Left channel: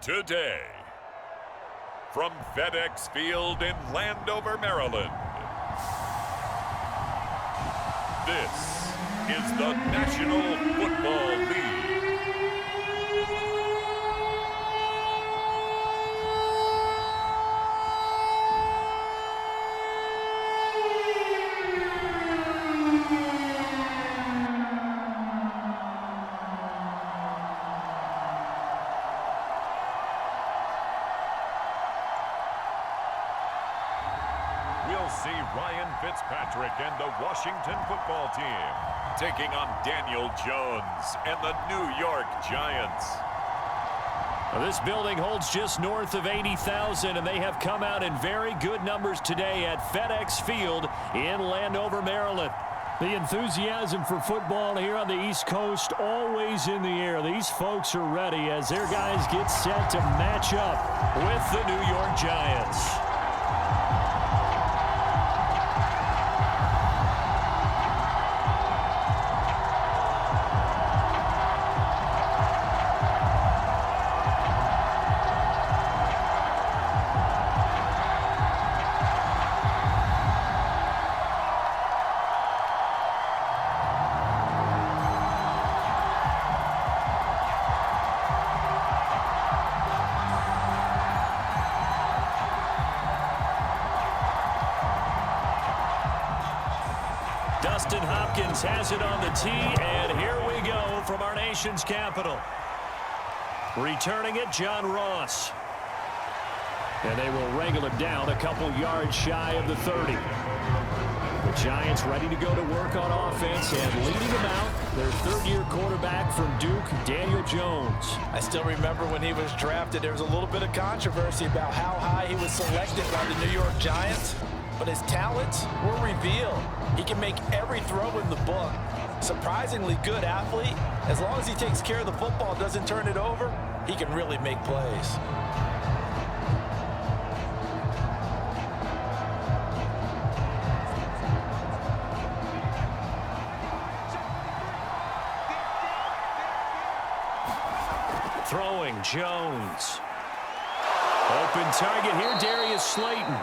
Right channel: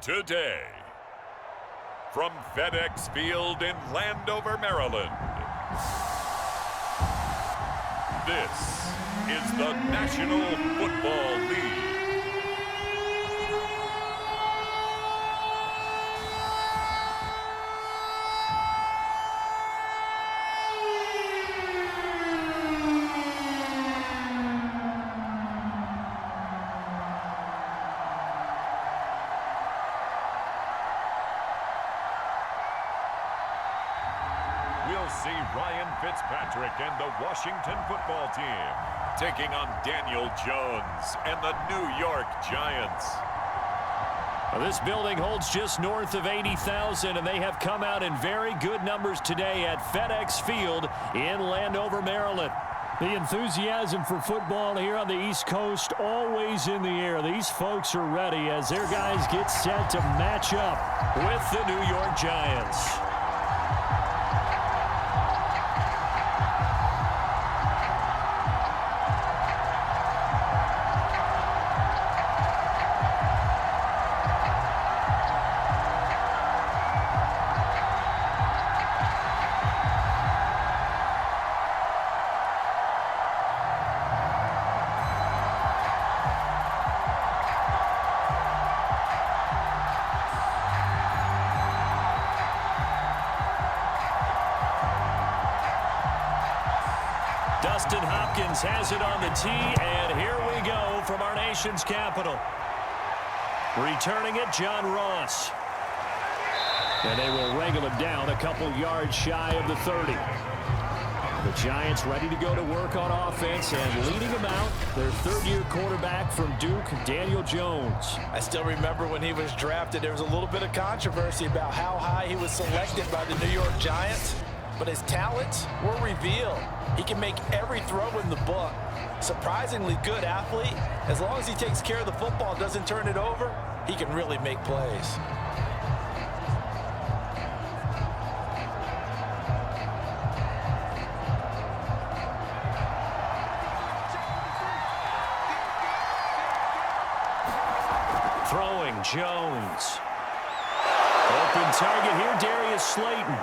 Today, from FedEx Field in Landover, Maryland, this is the National Football League. We'll see Ryan Fitzpatrick and the Washington football team taking on Daniel Jones and the New York Giants. This building holds just north of 80,000, and they have come out in very good numbers today at FedEx Field in Landover, Maryland. The enthusiasm for football here on the East Coast always in the air. These folks are ready as their guys get set to match up with the New York Giants. Dustin Hopkins has it on the tee, and here we go from our nation's capital. Returning it, John Ross. And they will wrangle him down a couple yards shy of the 30. The Giants ready to go to work on offense, and leading them out, their third-year quarterback from Duke, Daniel Jones. I still remember when he was drafted, there was a little bit of controversy about how high he was selected by the New York Giants, but his talents were revealed. He can make every throw in the book. Surprisingly good athlete. As long as he takes care of the football, doesn't turn it over, he can really make plays. Throwing, Jones. Open target here, Darius Slayton.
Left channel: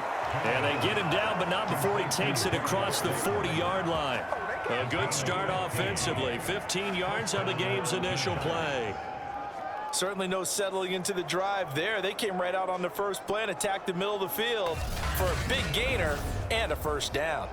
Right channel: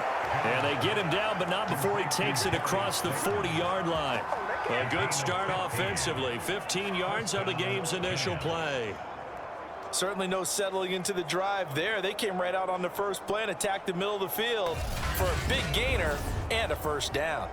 And they get him down, but not before he takes it across the 40-yard line. A good start offensively. 15 yards on the game's initial play. Certainly no settling into the drive there. They came right out on the first play and attacked the middle of the field for a big gainer and a first down.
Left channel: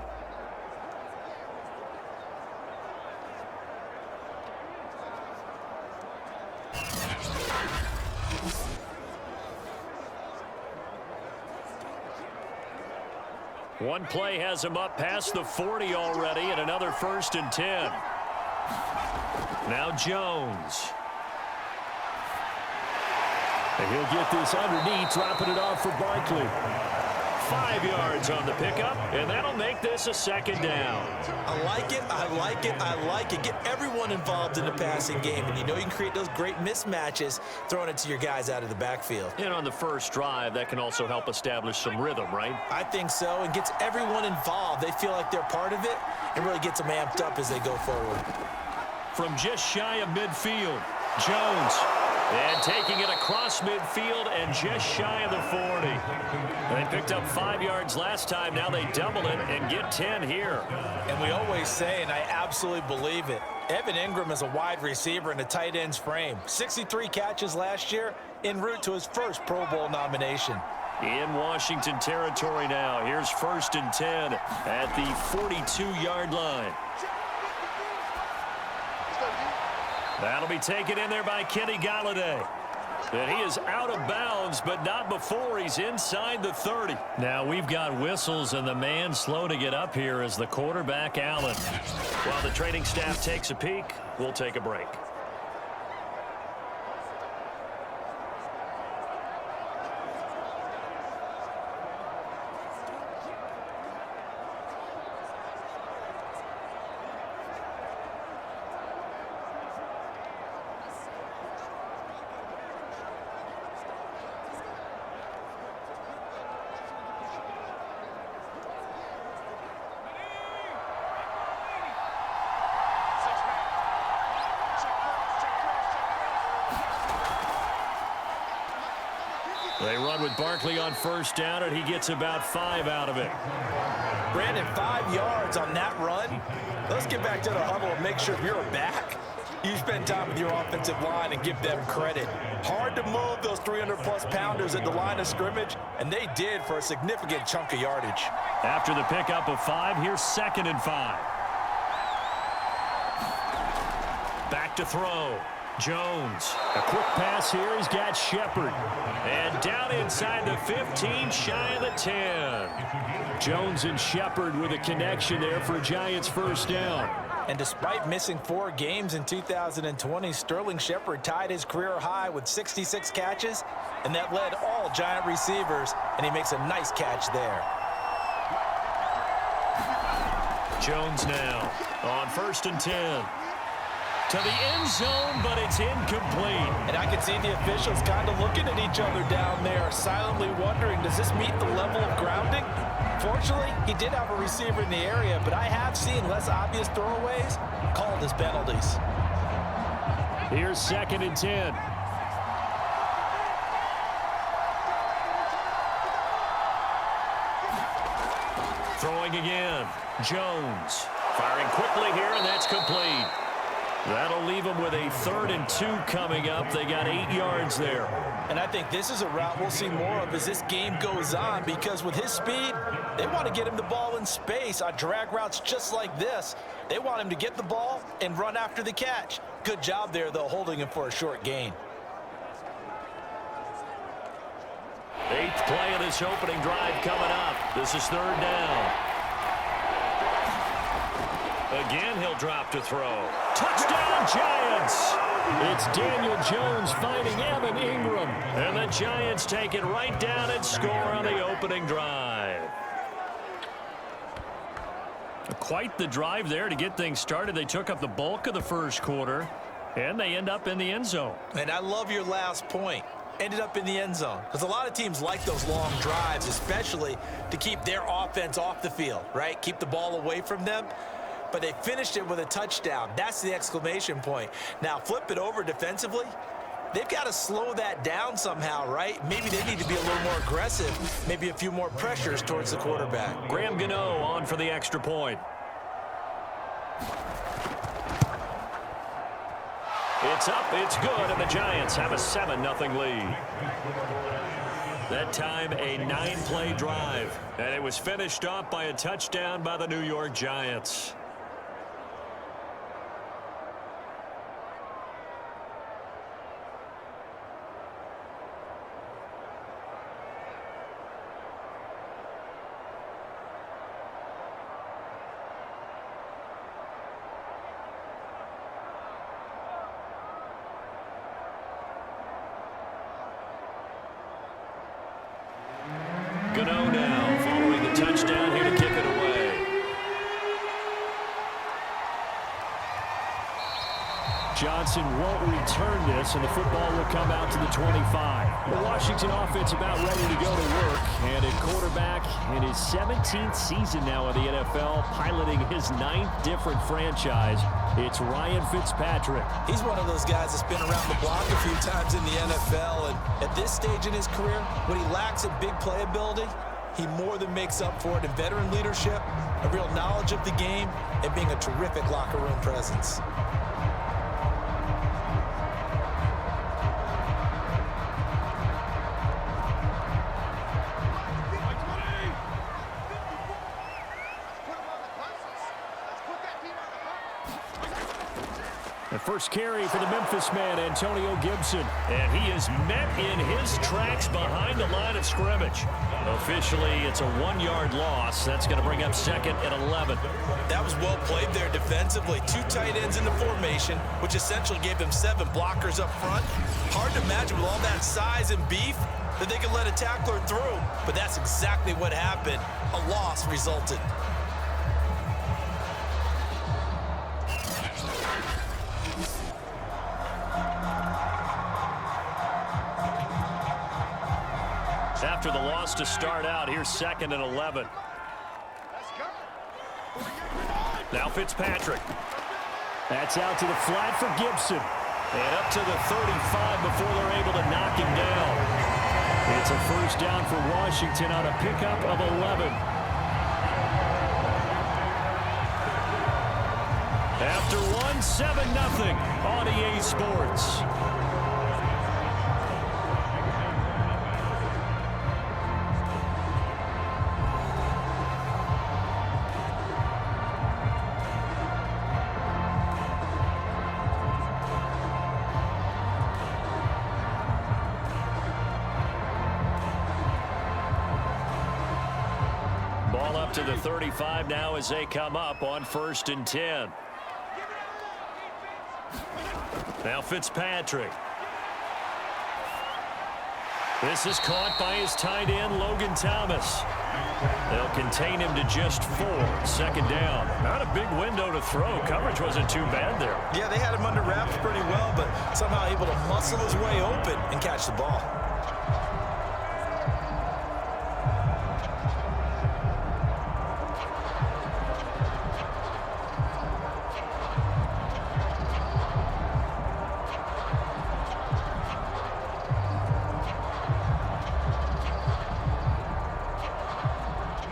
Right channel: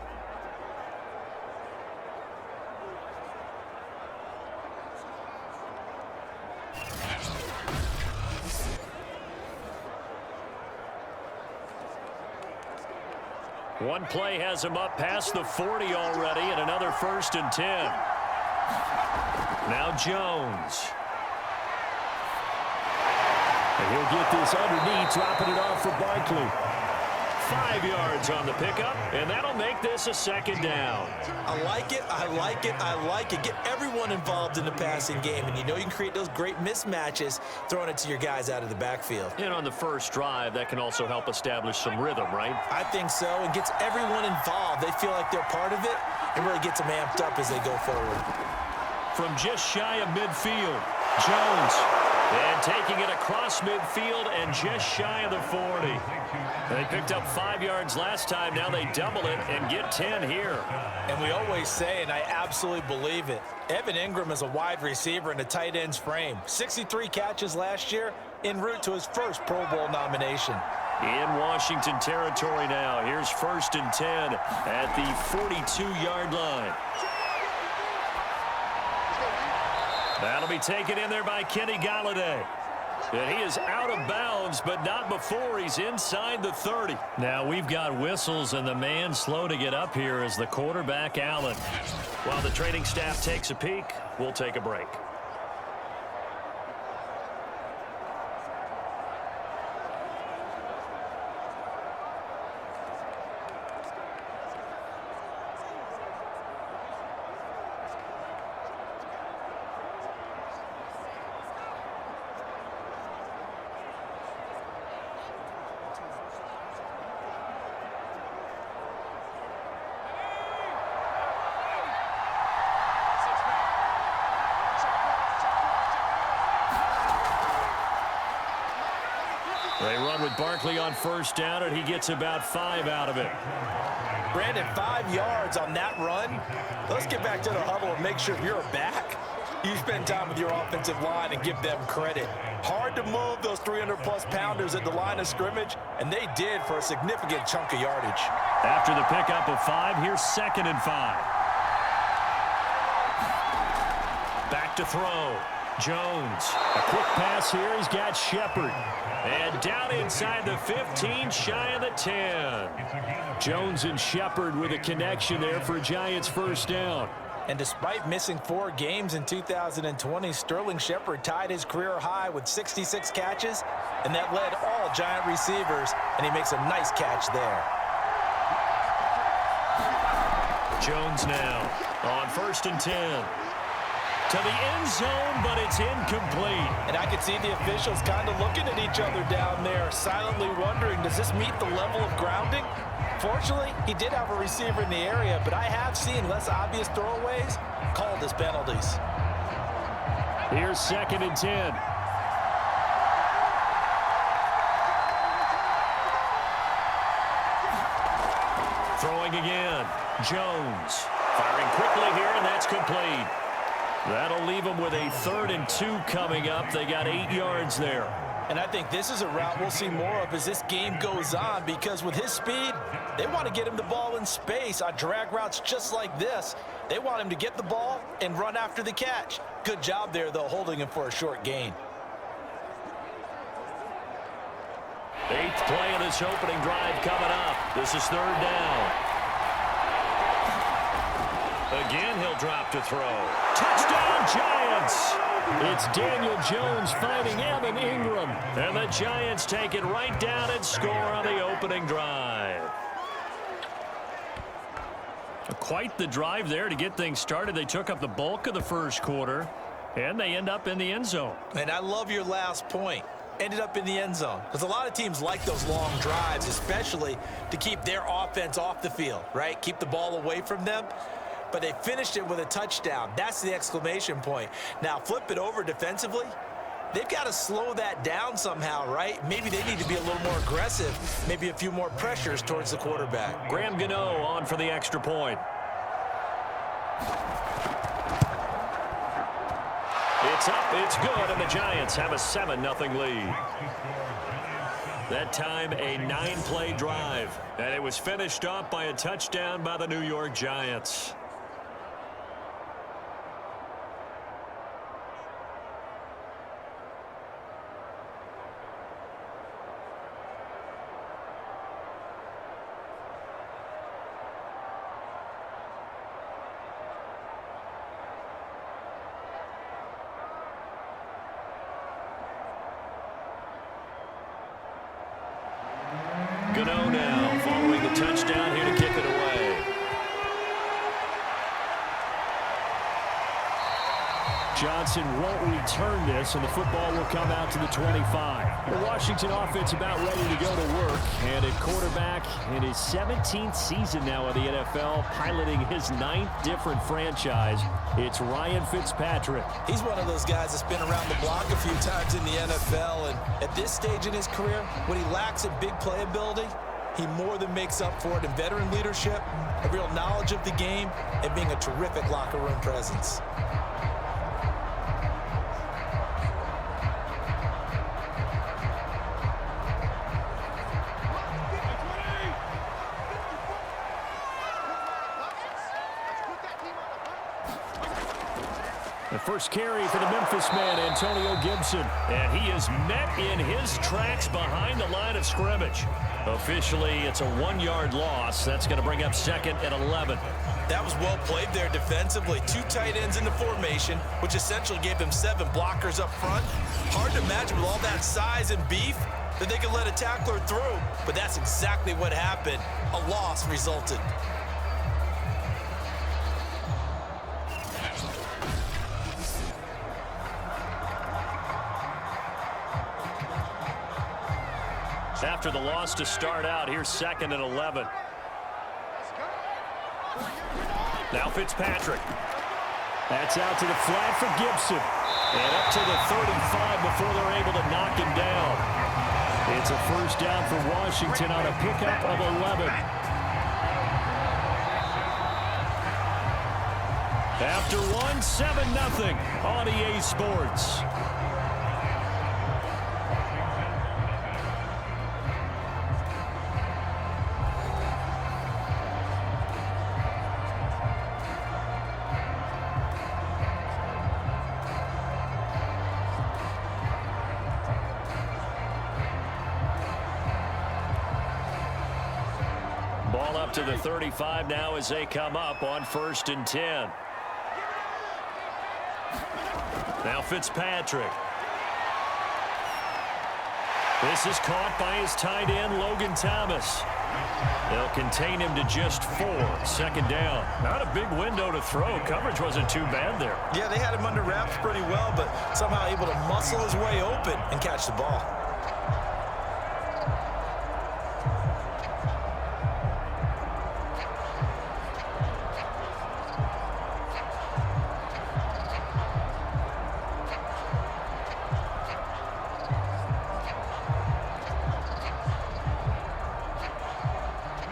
One play has him up past the 40 already, and another 1st and 10. Now Jones. And he'll get this underneath, dropping it off for Barkley. 5 yards on the pickup, and that'll make this a second down. I like it, I like it, I like it. Get everyone involved in the passing game, and you know you can create those great mismatches throwing it to your guys out of the backfield. And on the first drive, that can also help establish some rhythm, right? I think so, and gets everyone involved. They feel like they're part of it, and really gets them amped up as they go forward. From just shy of midfield, Jones. And taking it across midfield and just shy of the 40. They picked up 5 yards last time. Now they double it and get 10 here. And we always say, and I absolutely believe it, Evan Ingram is a wide receiver in a tight end's frame. 63 catches last year, en route to his first Pro Bowl nomination. In Washington territory now. Here's 1st and 10 at the 42-yard line. That'll be taken in there by Kenny Golladay. And he is out of bounds, but not before he's inside the 30. Now we've got whistles, and the man slow to get up here is the quarterback, Allen. While the training staff takes a peek, we'll take a break. Check They run with Barkley on first down, and he gets about 5 out of it. Brandon, 5 yards on that run. Let's get back to the huddle and make sure if you're back, you spend time with your offensive line and give them credit. Hard to move those 300-plus pounders at the line of scrimmage, and they did for a significant chunk of yardage. After the pickup of 5, here's 2nd and 5. Back to throw. Jones. A quick pass here. He's got Shepard. And down inside the 15, shy of the 10. Jones and Shepard with a connection there for Giants first down. And despite missing 4 games in 2020, Sterling Shepard tied his career high with 66 catches, and that led all Giant receivers, and he makes a nice catch there. Jones now on 1st and 10. To the end zone, but it's incomplete. And I can see the officials kind of looking at each other down there, silently wondering, does this meet the level of grounding? Fortunately, he did have a receiver in the area, but I have seen less obvious throwaways called as penalties. Here's 2nd and 10. Throwing again. Jones firing quickly here, and that's complete. That'll leave them with a 3rd and 2 coming up. They got 8 yards there. And I think this is a route we'll see more of as this game goes on, because with his speed, they want to get him the ball in space on drag routes just like this. They want him to get the ball and run after the catch. Good job there, though, holding him for a short gain. 8th play of this opening drive coming up. This is 3rd down. Again, he'll drop to throw. Touchdown, Giants! It's Daniel Jones finding Evan Ingram. And the Giants take it right down and score on the opening drive. Quite the drive there to get things started. They took up the bulk of the first quarter, and they end up in the end zone. And I love your last point. Ended up in the end zone, because a lot of teams like those long drives, especially to keep their offense off the field, right? Keep the ball away from them. But they finished it with a touchdown. That's the exclamation point. Now flip it over defensively. They've got to slow that down somehow, right? Maybe they need to be a little more aggressive. Maybe a few more pressures towards the quarterback. Graham Gano on for the extra point. It's up, it's good, and the Giants have a 7-0 lead. That time a 9-play drive, and it was finished off by a touchdown by the New York Giants. Gano now following the touchdown here to kick it away. Johnson won't return this, and the football will come out to the 25. The Washington offense about ready to go to work, and at quarterback in his 17th season now in the NFL, piloting his 9th different franchise, it's Ryan Fitzpatrick. He's one of those guys that's been around the block a few times in the NFL, and at this stage in his career, what he lacks in big playability, he more than makes up for it in veteran leadership, a real knowledge of the game, and being a terrific locker room presence. The first carry for the Memphis man, Antonio Gibson. And he is met in his tracks behind the line of scrimmage. Officially, it's a 1-yard loss. That's going to bring up 2nd and 11. That was well played there defensively. 2 tight ends in the formation, which essentially gave them 7 blockers up front. Hard to imagine with all that size and beef that they could let a tackler through. But that's exactly what happened. A loss resulted. After the loss to start out, here's 2nd and 11. Now Fitzpatrick. That's out to the flat for Gibson. And up to the 35 before they're able to knock him down. It's a first down for Washington on a pickup of 11. After one, 7-0 on EA Sports. Ball up to the 35 now as they come up on 1st and 10. Now Fitzpatrick. This is caught by his tight end, Logan Thomas. They'll contain him to just 4. 2nd down. Not a big window to throw. Coverage wasn't too bad there. Yeah, they had him under wraps pretty well, but somehow able to muscle his way open and catch the ball.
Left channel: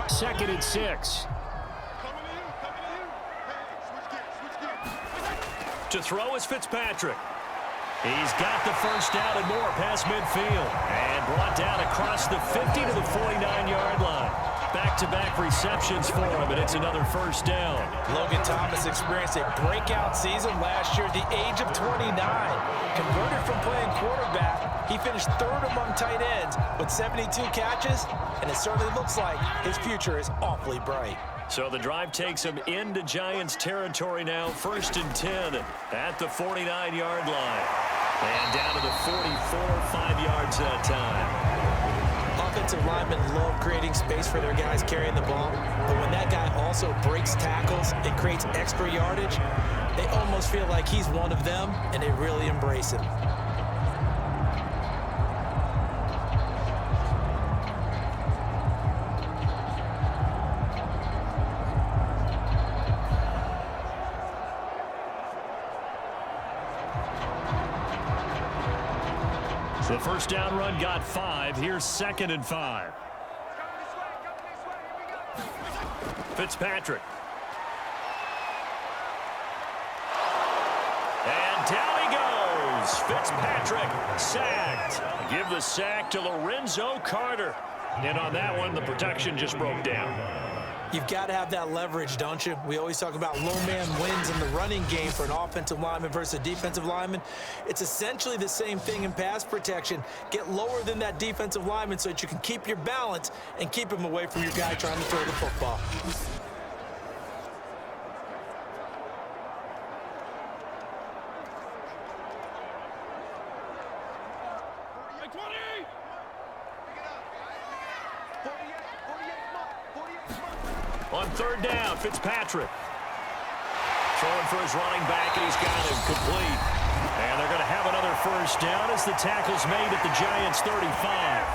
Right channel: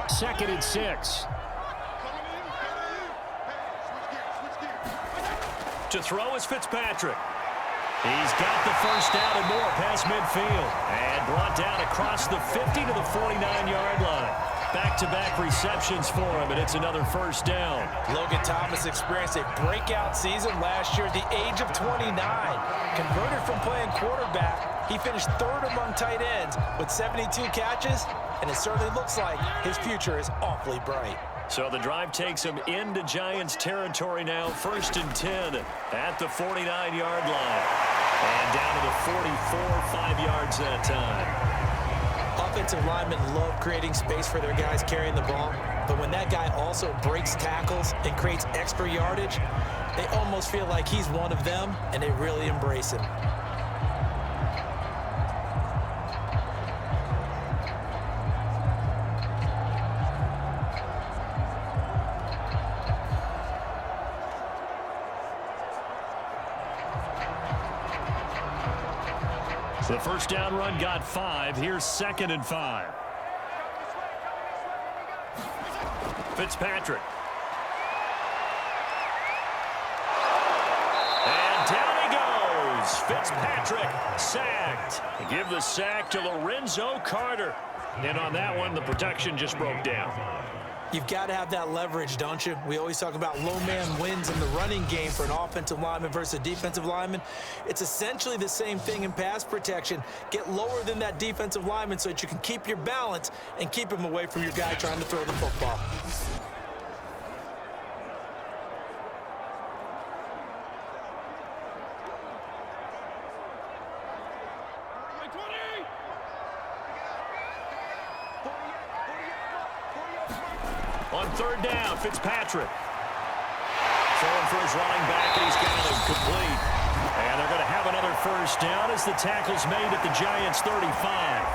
Second and 6. To throw is Fitzpatrick. He's got the first down and more past midfield. And brought down across the 50 to the 49-yard line. Back-to-back receptions for him, and it's another first down. Logan Thomas experienced a breakout season last year at the age of 29. Converted from playing quarterback, he finished 3rd among tight ends with 72 catches, and it certainly looks like his future is awfully bright. So the drive takes him into Giants territory now. 1st and 10 at the 49-yard line. And down to the 44, 5 yards that time. Offensive linemen love creating space for their guys carrying the ball, but when that guy also breaks tackles and creates extra yardage, they almost feel like he's one of them, and they really embrace him. The first down run got 5. Here's 2nd and 5. Fitzpatrick. And down he goes. Fitzpatrick sacked. Give the sack to Lorenzo Carter. And on that one, the protection just broke down. You've got to have that leverage, don't you? We always talk about low man wins in the running game for an offensive lineman versus a defensive lineman. It's essentially the same thing in pass protection. Get lower than that defensive lineman so that you can keep your balance and keep him away from your guy trying to throw the football. On 3rd down, Fitzpatrick. Throwing for his running back, and he's got him complete. And they're going to have another first down as the tackle's made at the Giants' 35.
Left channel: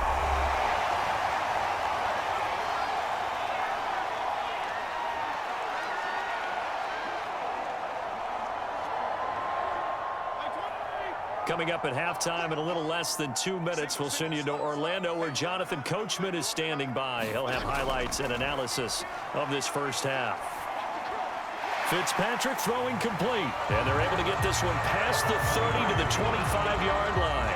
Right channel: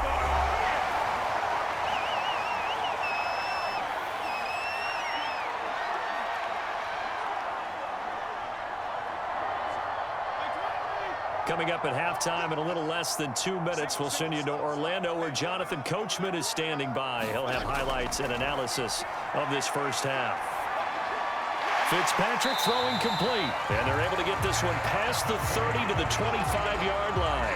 Coming up at halftime in a little less than 2 minutes, we'll send you to Orlando where Jonathan Coachman is standing by. He'll have highlights and analysis of this first half. Fitzpatrick throwing complete, and they're able to get this one past the 30 to the 25-yard line.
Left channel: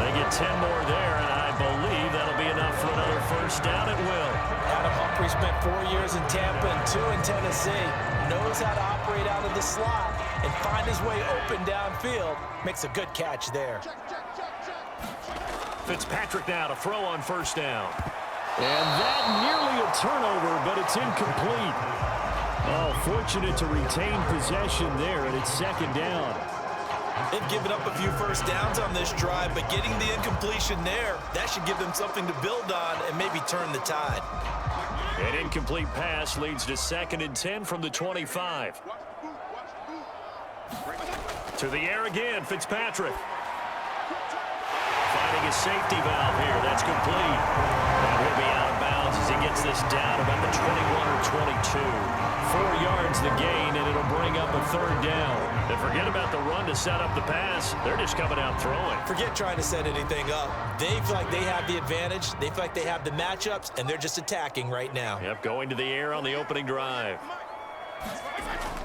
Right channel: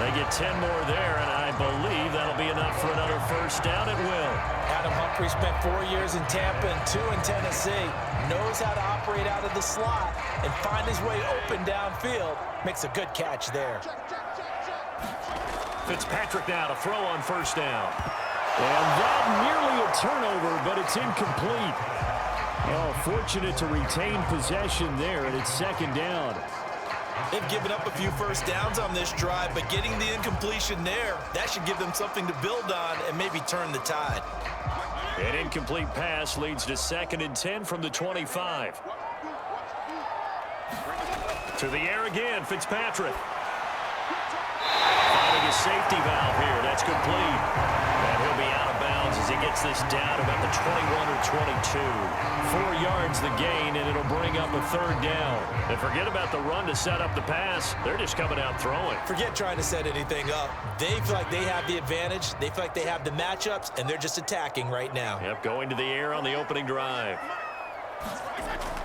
They get 10 more there, and I believe that'll be enough for another first down. It will. Adam Humphrey spent 4 years in Tampa and 2 in Tennessee. Knows how to operate out of the slot and find his way open downfield. Makes a good catch there. Fitzpatrick now to throw on first down. And that nearly a turnover, but it's incomplete. Oh, fortunate to retain possession there, and it's 2nd down. They've given up a few first downs on this drive, but getting the incompletion there, that should give them something to build on and maybe turn the tide. An incomplete pass leads to 2nd and 10 from the 25. To the air again, Fitzpatrick. Finding his safety valve here. That's complete. And he'll be out of bounds as he gets this down about the 21 or 22. 4 yards the gain, and it'll bring up a 3rd down. And forget about the run to set up the pass. They're just coming out throwing. Forget trying to set anything up. They feel like they have the advantage. They feel like they have the matchups, and they're just attacking right now. Yep, going to the air on the opening drive.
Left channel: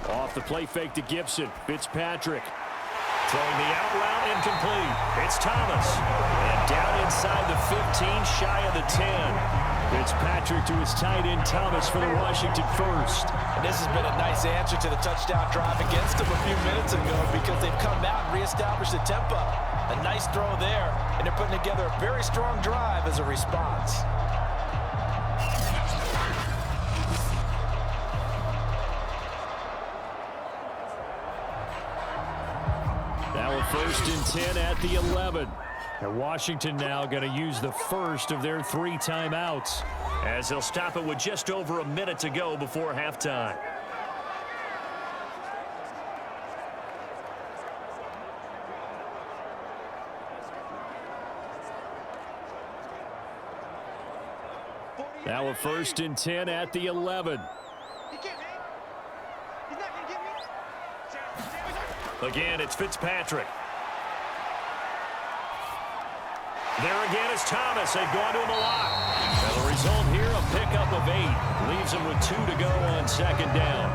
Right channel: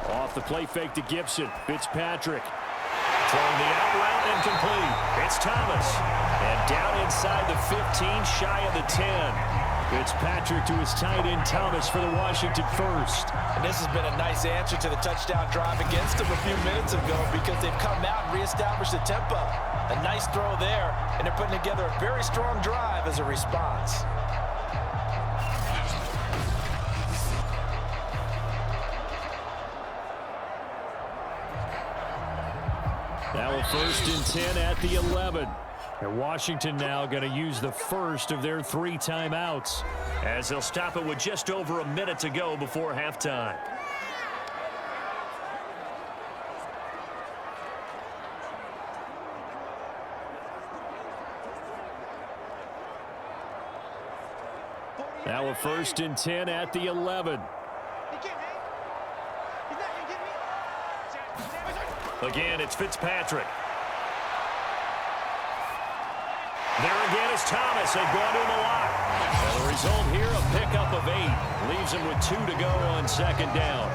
Off the play fake to Gibson. Fitzpatrick throwing the out route incomplete. It's Thomas. And down inside the 15, shy of the 10. Fitzpatrick to his tight end Thomas for the Washington first. And this has been a nice answer to the touchdown drive against them a few minutes ago because they've come out and reestablished the tempo. A nice throw there, and they're putting together a very strong drive as a response. Now a 1st and 10 at the 11. And Washington now going to use the first of their 3 timeouts as they'll stop it with just over a minute to go before halftime. Now a 1st and 10 at the 11. Again, it's Fitzpatrick. There again is Thomas. They've gone to him a lot. Now the result here, a pickup of 8. Leaves him with 2 to go on 2nd down.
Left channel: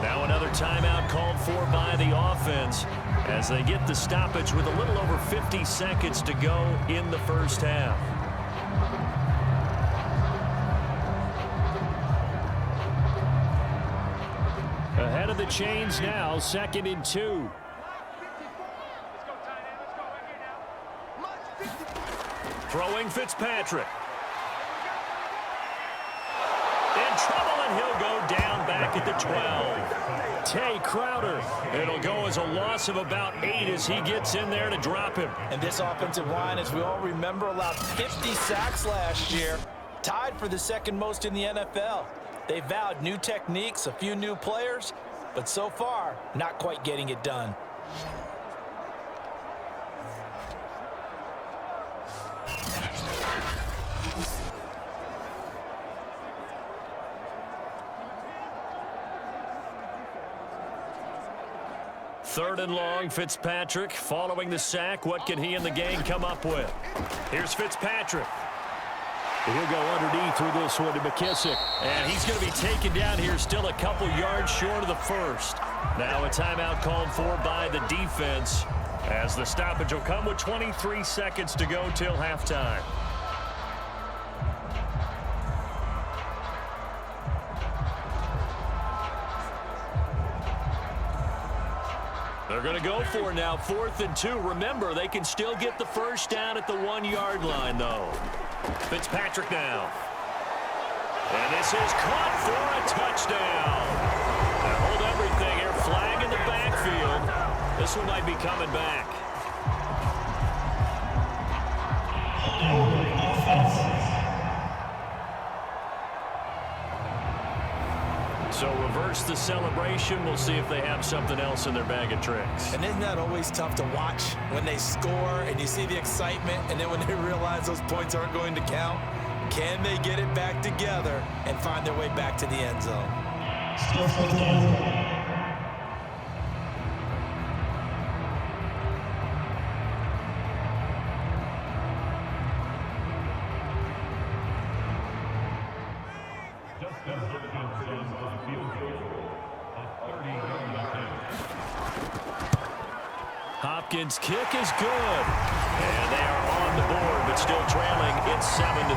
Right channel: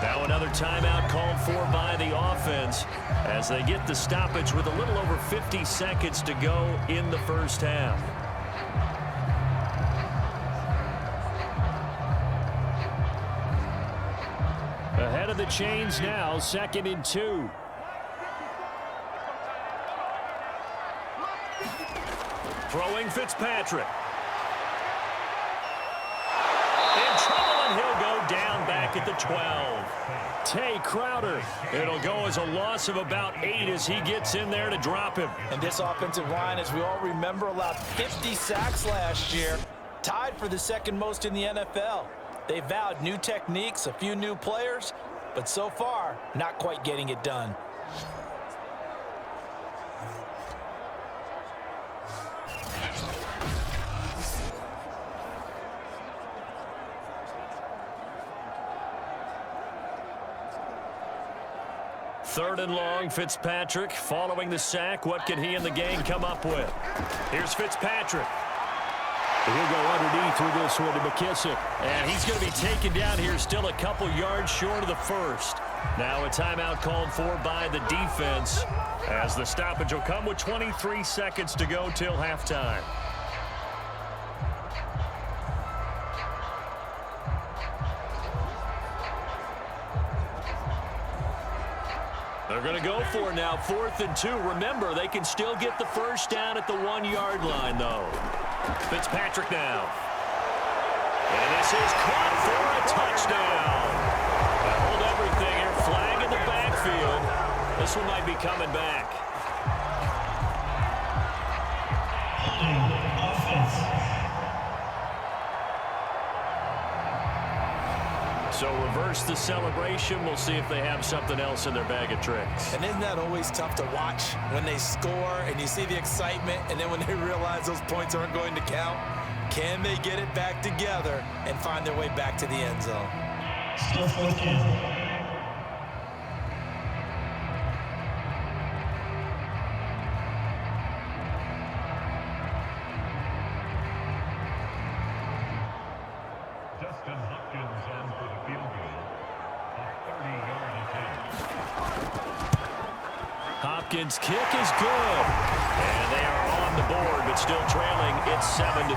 Now another timeout called for by the offense as they get the stoppage with a little over 50 seconds to go in the first half. Ahead of the chains now, 2nd and 2. Throwing Fitzpatrick. In trouble, and he'll go down back at the 12. Tay Crowder. It'll go as a loss of about 8 as he gets in there to drop him. And this offensive line, as we all remember, allowed 50 sacks last year. Tied for the 2nd most in the NFL. They vowed new techniques, a few new players, but so far, not quite getting it done. Third and long, Fitzpatrick following the sack. What can he and the gang come up with? Here's Fitzpatrick. He'll go underneath with this one to McKissick. And he's going to be taken down here still a couple yards short of the first. Now a timeout called for by the defense as the stoppage will come with 23 seconds to go till halftime. They're going to go for it now, 4th and 2. Remember, they can still get the first down at the 1-yard line, though. Fitzpatrick now. And this is caught for a touchdown. Now hold everything here. Flag in the backfield. This one might be coming back. Holding offense. So reverse the celebration. We'll see if they have something else in their bag of tricks. And isn't that always tough to watch when they score and you see the excitement and then when they realize those points aren't going to count? Can they get it back together and find their way back to the end zone? Still 4th down. Justin Hopkins on for the field goal. A 30-yard attempt. Hopkins' kick is good. And they are on the board, but still trailing. It's 7-3.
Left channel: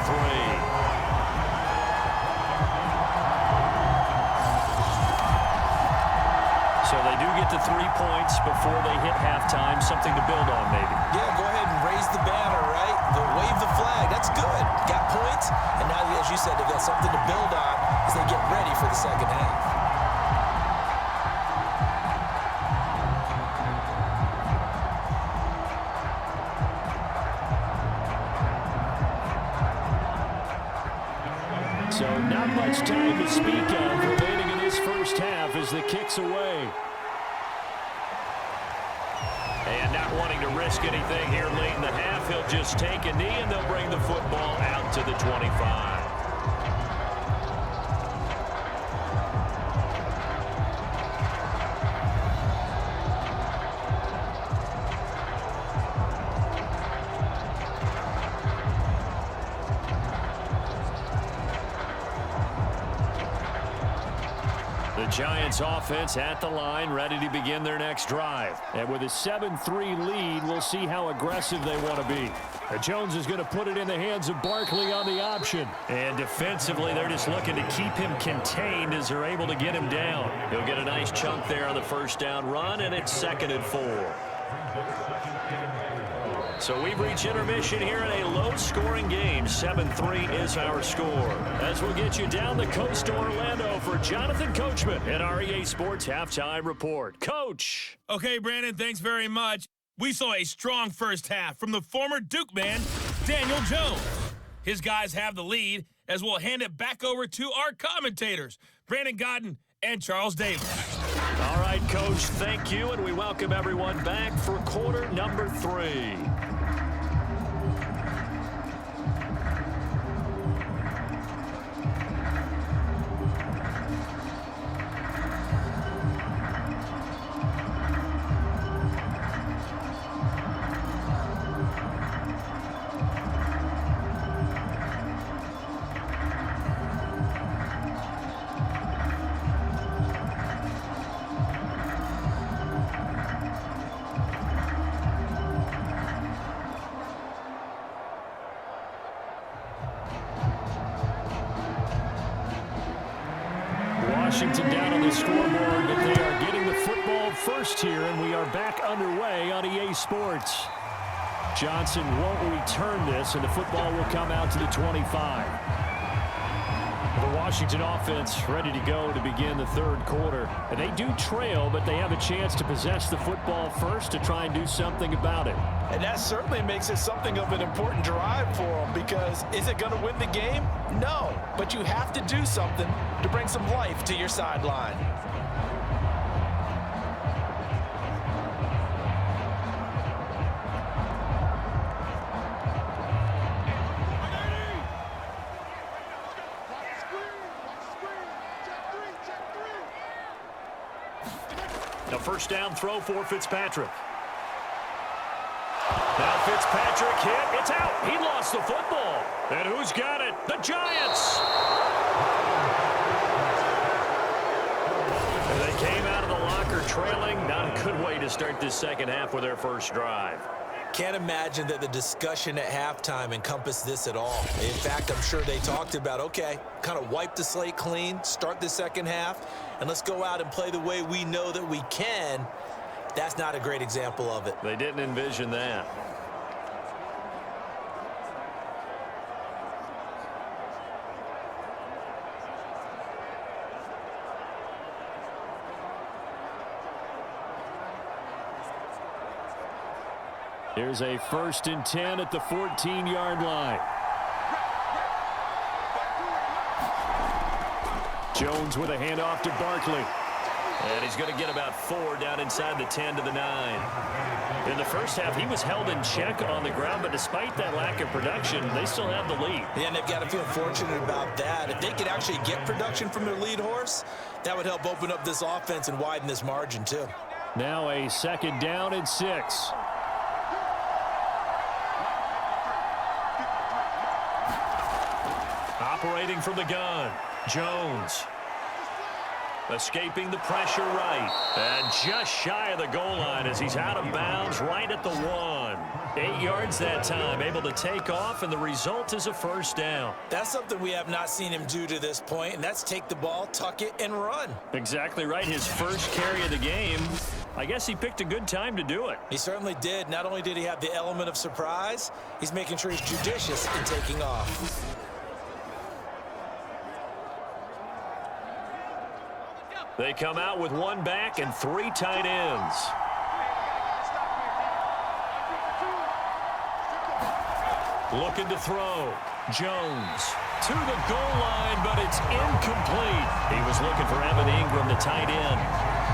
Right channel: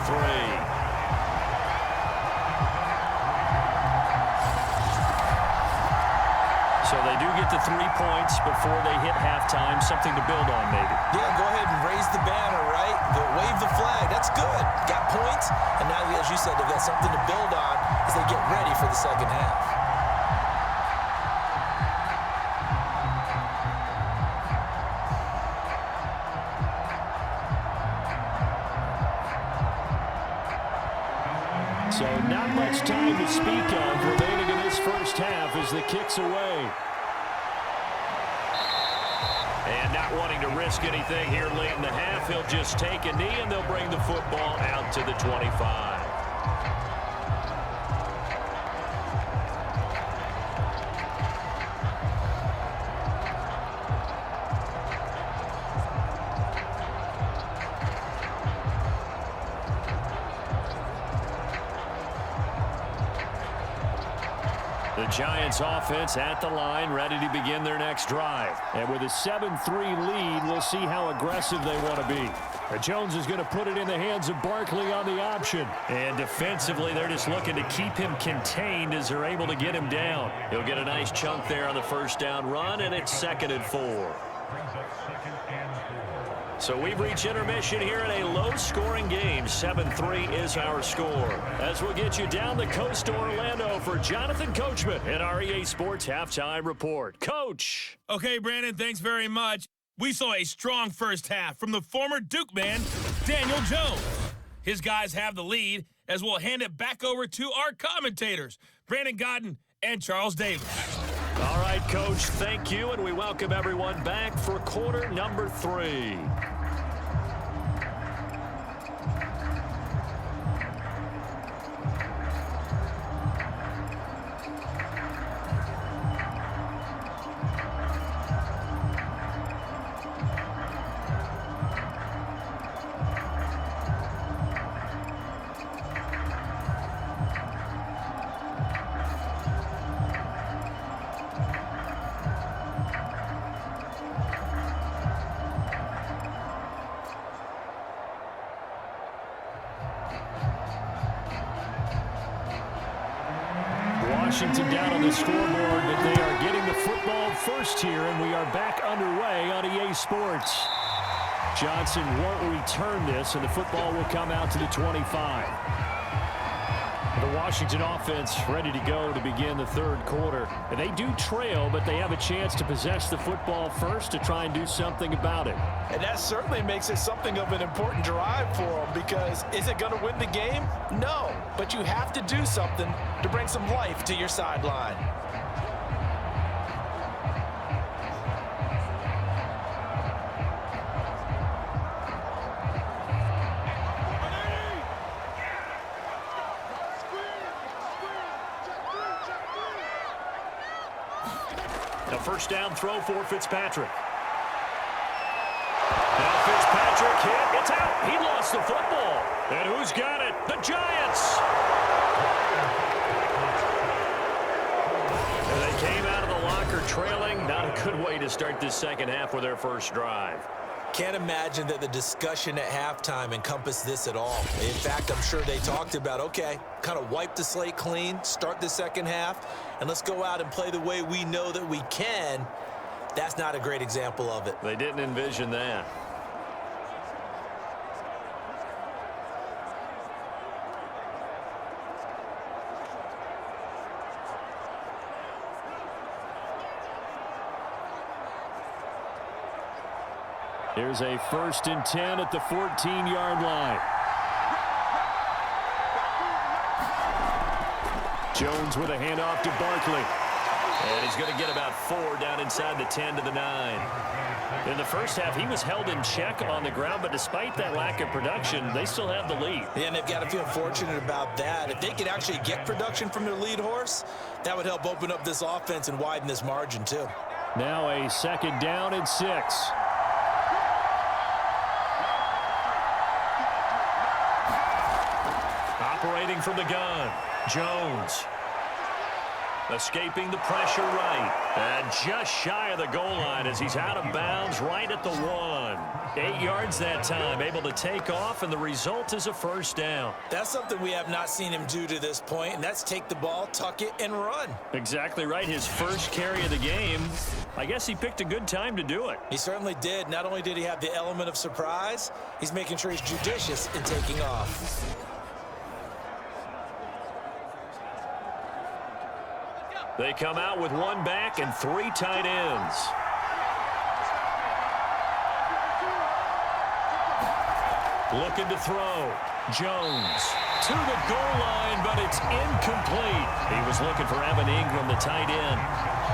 So they do get the 3 points before they hit halftime. Something to build on, maybe. Yeah, go ahead and raise the banner, right? Wave the flag. That's good. Got points. And now, as you said, they've got something to build on as they get ready for the second half. So not much time to speak of remaining in this first half as the kick's away. And not wanting to risk anything here late in the half, he'll just take a knee, and they'll bring the football out to the 25. The Giants offense at the line, ready to begin their next drive. And with a 7-3 lead, we'll see how aggressive they want to be. Jones is going to put it in the hands of Barkley on the option. And defensively, they're just looking to keep him contained as they're able to get him down. He'll get a nice chunk there on the first down run, and it's 2nd and 4. So we've reached intermission here in a low-scoring game. 7-3 is our score. As we'll get you down the coast to Orlando for Jonathan Coachman at our EA Sports Halftime Report. Coach. Okay, Brandon, thanks very much. We saw a strong first half from the former Duke man, Daniel Jones. His guys have the lead, as we'll hand it back over to our commentators, Brandon Godden and Charles Davis. All right, Coach, thank you, and we welcome everyone back for quarter number 3. Washington down on the scoreboard, but they are getting the football first here, and we are back underway on EA Sports. Johnson won't return this, and the football will come out to the 25. The Washington offense ready to go to begin the third quarter. And they do trail, but they have a chance to possess the football first to try and do something about it. And that certainly makes it something of an important drive for them, because is it going to win the game? No, but you have to do something to bring some life to your sideline. A first down throw for Fitzpatrick. Now Fitzpatrick hit. It's out. He lost the football. And who's got it? The Giants. And they came out of the locker trailing. Not a good way to start this second half with their first drive. Can't imagine that the discussion at halftime encompassed this at all. In fact, I'm sure they talked about, okay, kind of wipe the slate clean, start the second half, and let's go out and play the way we know that we can. That's not a great example of it. They didn't envision that. Here's a 1st and 10 at the 14-yard line. Jones with a handoff to Barkley. And he's going to get about 4 down inside the 10 to the 9. In the first half, he was held in check on the ground, but despite that lack of production, they still have the lead. Yeah, and they've got to feel fortunate about that. If they could actually get production from their lead horse, that would help open up this offense and widen this margin too. Now a 2nd down and 6. Operating from the gun, Jones. Escaping the pressure right. And just shy of the goal line as he's out of bounds right at the 1. 8 yards that time, able to take off, and the result is a first down. That's something we have not seen him do to this point, and that's take the ball, tuck it, and run. Exactly right. His first carry of the game. I guess he picked a good time to do it. He certainly did. Not only did he have the element of surprise, he's making sure he's judicious in taking off. They come out with 1 back and 3 tight ends. Looking to throw. Jones to the goal line, but it's incomplete. He was looking for Evan Ingram, the tight end,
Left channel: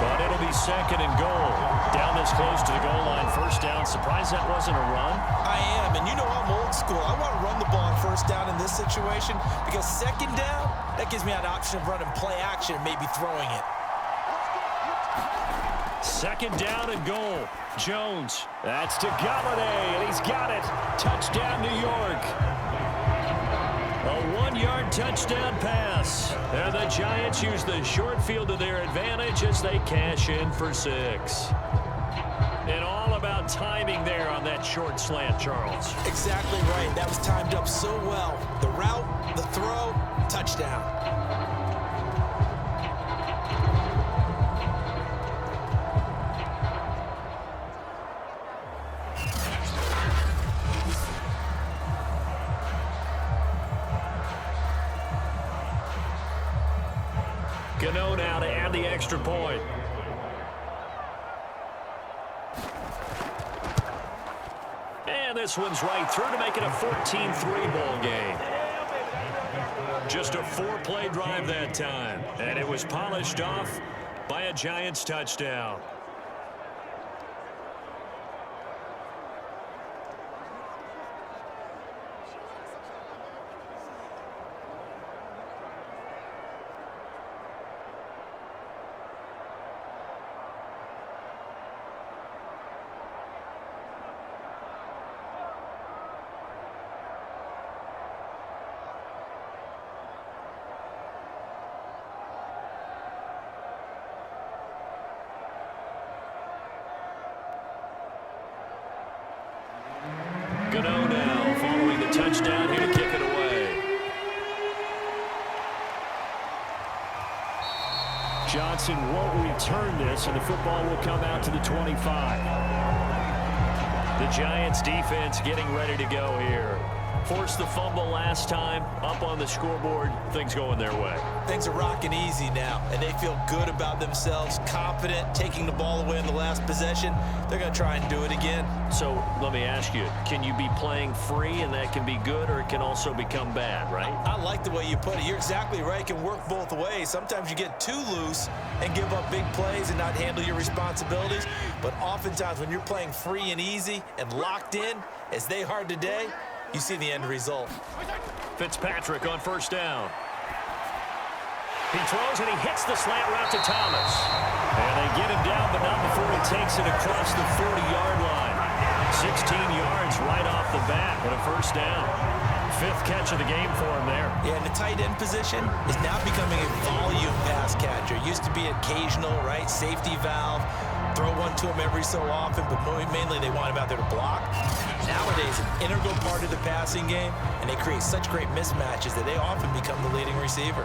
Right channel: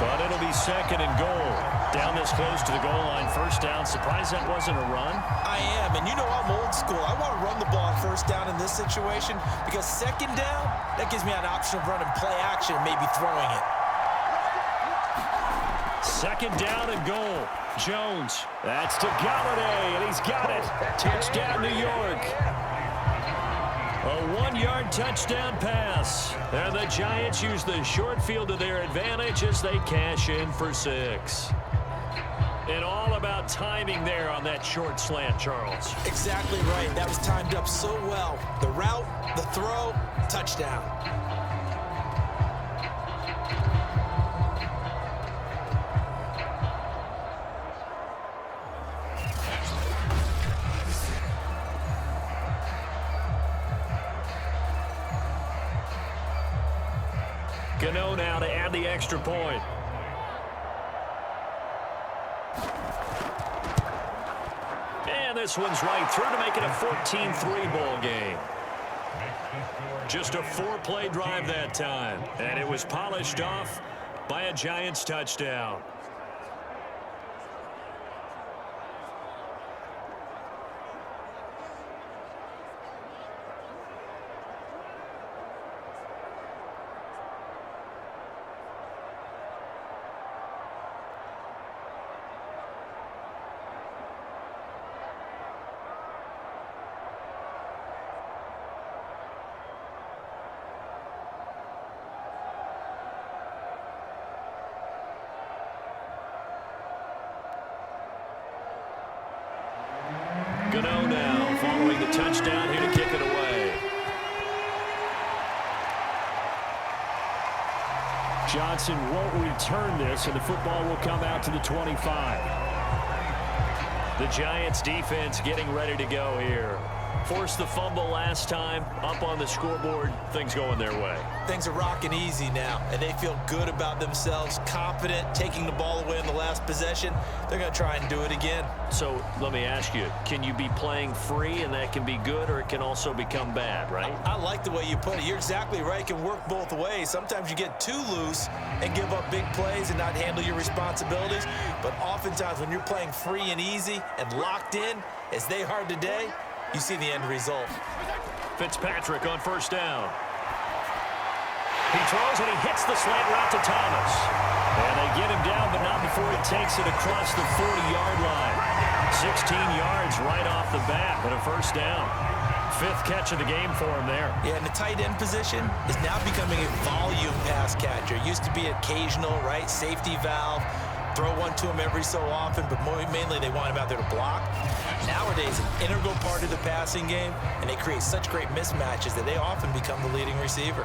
but it'll be 2nd and goal. Down this close to the goal line, first down. Surprised that wasn't a run? I am, and you know I'm old school. I want to run the ball on first down in this situation because second down, that gives me an option of running play action and maybe throwing it. Second down and goal. Jones. That's to Galladay, and he's got it. Touchdown, New York. A 1-yard touchdown pass. And the Giants use the short field to their advantage as they cash in for 6. And all about timing there on that short slant, Charles. Exactly right. That was timed up so well. The route, the throw, touchdown. Gano now to add the extra point. And this one's right through to make it a 14-3 ball game. Just a 4-play drive that time. And it was polished off by a Giants touchdown. Gano now following the touchdown here to kick it away. Johnson won't return this, and the football will come out to the 25. The Giants defense getting ready to go here. Forced the fumble last time, up on the scoreboard, things going their way. Things are rocking easy now, and they feel good about themselves, confident, taking the ball away in the last possession. They're going to try and do it again. So let me ask you, can you be playing free and that can be good, or it can also become bad, right? I like the way you put it. You're exactly right. It can work both ways. Sometimes you get too loose and give up big plays and not handle your responsibilities. But oftentimes when you're playing free and easy and locked in, as they are today, you see the end result. Fitzpatrick on first down. He throws and he hits the slant route to Thomas. And they get him down, but not before he takes it across the 40-yard line. 16 yards right off the bat and a first down. 5th catch of the game for him there. Yeah, and the tight end position is now becoming a volume pass catcher. It used to be occasional, right? Safety valve. Throw one to him every so often, but mainly they want him out there to block. Nowadays, an integral part of the passing game, and they create such great mismatches that they often become the leading receiver.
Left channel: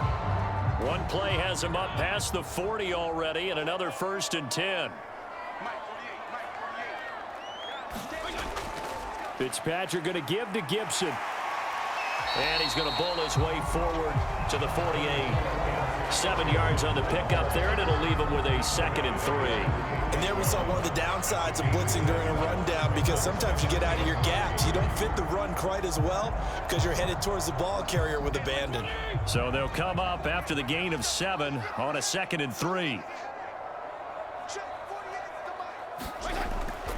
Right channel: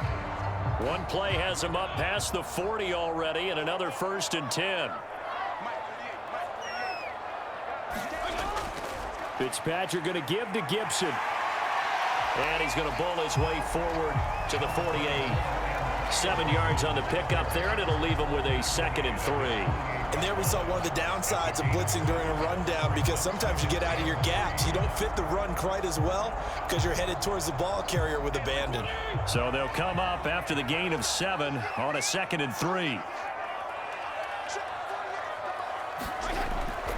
One play has him up past the 40 already, and another 1st and 10. Fitzpatrick going to give to Gibson. And he's going to bull his way forward to the 48. 7 yards on the pickup there, and it'll leave him with a 2nd and 3. And there we saw one of the downsides of blitzing during a rundown, because sometimes you get out of your gaps. You don't fit the run quite as well because you're headed towards the ball carrier with abandon. So they'll come up after the gain of 7 on a 2nd and 3.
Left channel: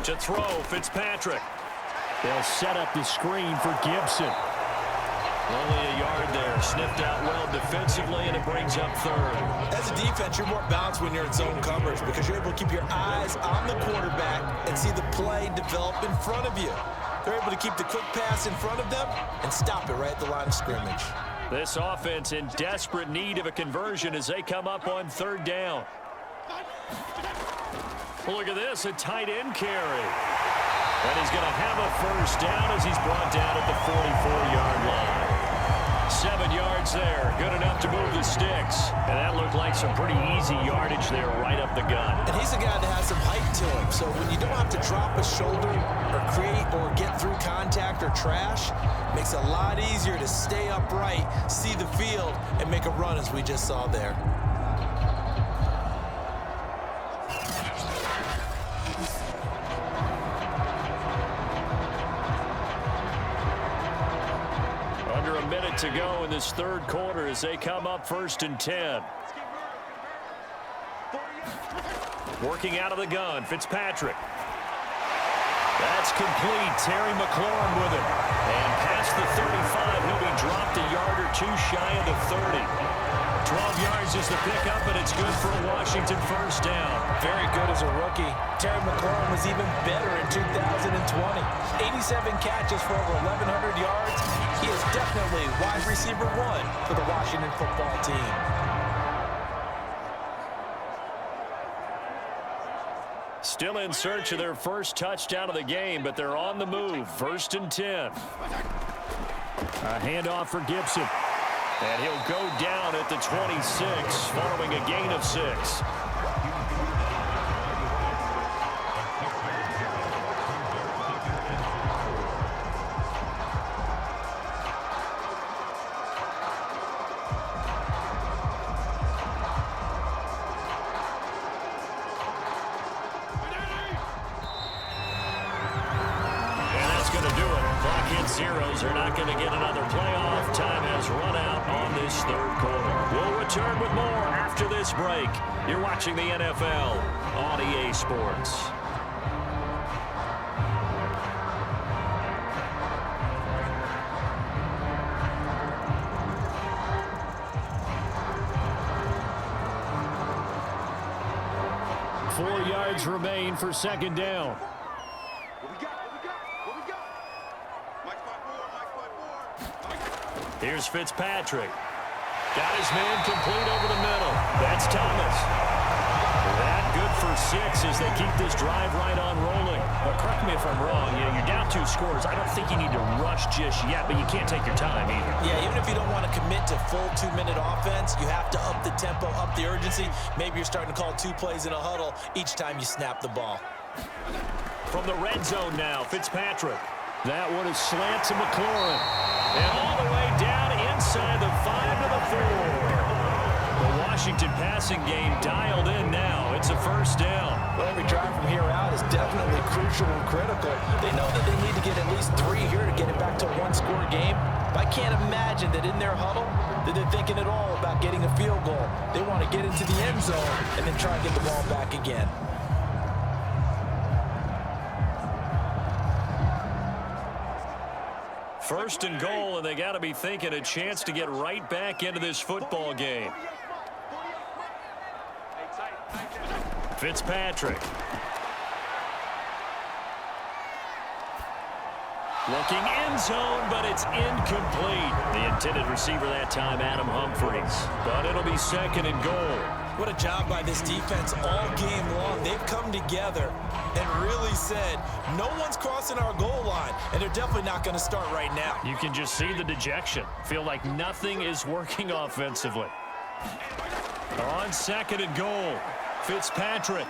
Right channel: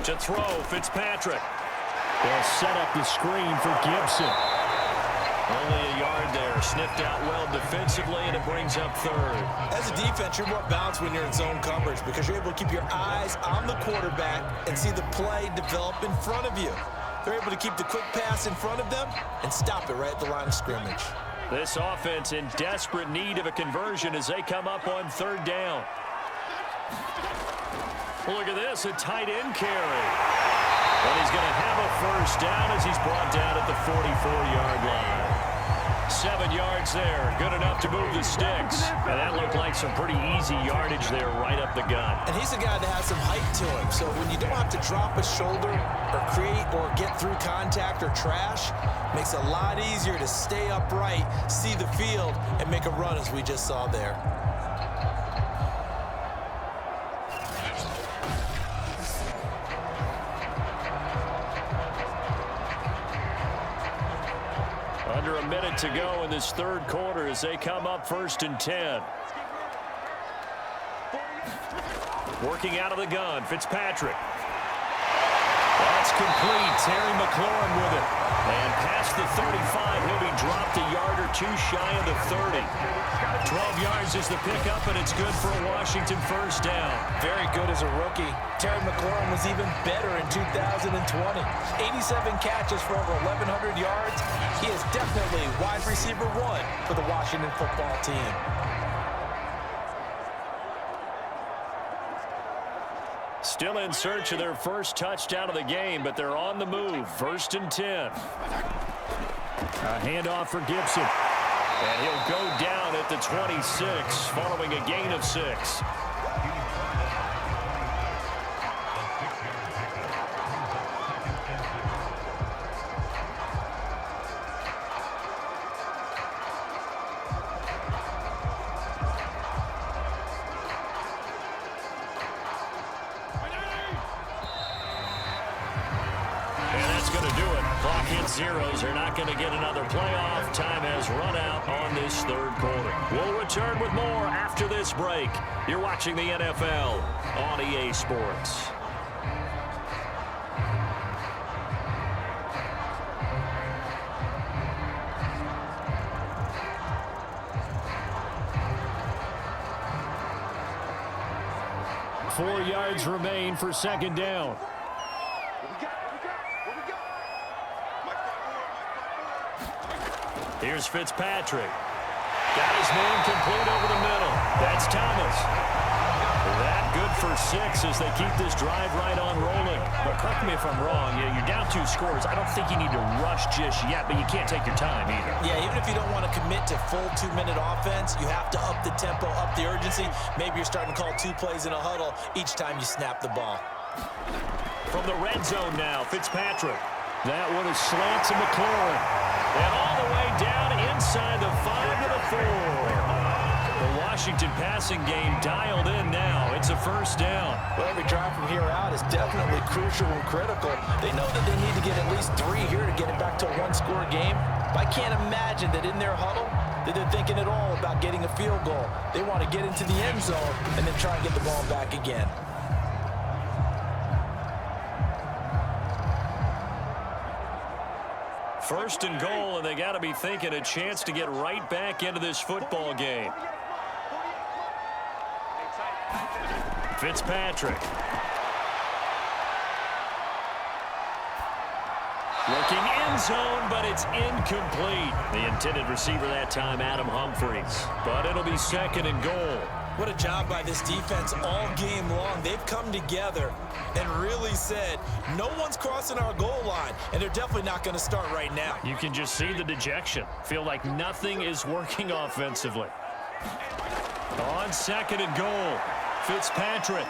To throw, Fitzpatrick. They'll set up the screen for Gibson. Only a yard there. Sniffed out well defensively, and it brings up 3rd. As a defense, you're more balanced when you're in zone coverage because you're able to keep your eyes on the quarterback and see the play develop in front of you. They're able to keep the quick pass in front of them and stop it right at the line of scrimmage. This offense in desperate need of a conversion as they come up on 3rd down. Look at this, a tight end carry. And he's going to have a first down as he's brought down at the 44-yard line. 7 yards there, good enough to move the sticks. And that looked like some pretty easy yardage there right up the gut. And he's a guy that has some height to him. So when you don't have to drop a shoulder or create or get through contact or trash, makes it a lot easier to stay upright, see the field, and make a run as we just saw there. Under a minute to go in this 3rd quarter as they come up 1st and 10. Working out of the gun, Fitzpatrick. That's complete. Terry McLaurin with it. And past the 35, he'll be dropped a yard or two shy of the 30. 12 yards is the pickup, and it's good for a Washington first down. Very good as a rookie. Terry McLaurin was even better in 2020. 87 catches for over 1,100 yards. He is definitely wide receiver 1 for the Washington football team. Still in search of their first touchdown of the game, but they're on the move. 1st and 10. A handoff for Gibson. And he'll go down at the 26, following a gain of 6. Zeros are not going to get another playoff. Time has run out on this third quarter. We'll return with more after this break. You're watching the NFL on EA Sports. Four yards remain for second down. Here's Fitzpatrick. Got his man complete over the middle. That's Thomas. That good for 6 as they keep this drive right on rolling. But correct me if I'm wrong. You're down 2 scores. I don't think you need to rush just yet, but you can't take your time either. Yeah, even if you don't want to commit to full 2-minute offense, you have to up the tempo, up the urgency. Maybe you're starting to call 2 plays in a huddle each time you snap the ball. From the red zone now, Fitzpatrick. That one is slant to McLaurin. And all the way down inside the 5 to the 4. The Washington passing game dialed in now. It's a first down. Well, every drive from here out is definitely crucial and critical. They know that they need to get at least 3 here to get it back to a 1-score game. But I can't imagine that in their huddle that they're thinking at all about getting a field goal. They want to get into the end zone and then try and get the ball back again. First and goal, and they got to be thinking a chance to get right back into this football game. Fitzpatrick. Looking end zone, but it's incomplete. The intended receiver that time, Adam Humphries. But it'll be second and goal. What a job by this defense all game long. They've come together and really said, no one's crossing our goal line, and they're definitely not going to start right now. You can just see the dejection. Feel like nothing is working offensively. On second and goal, Fitzpatrick.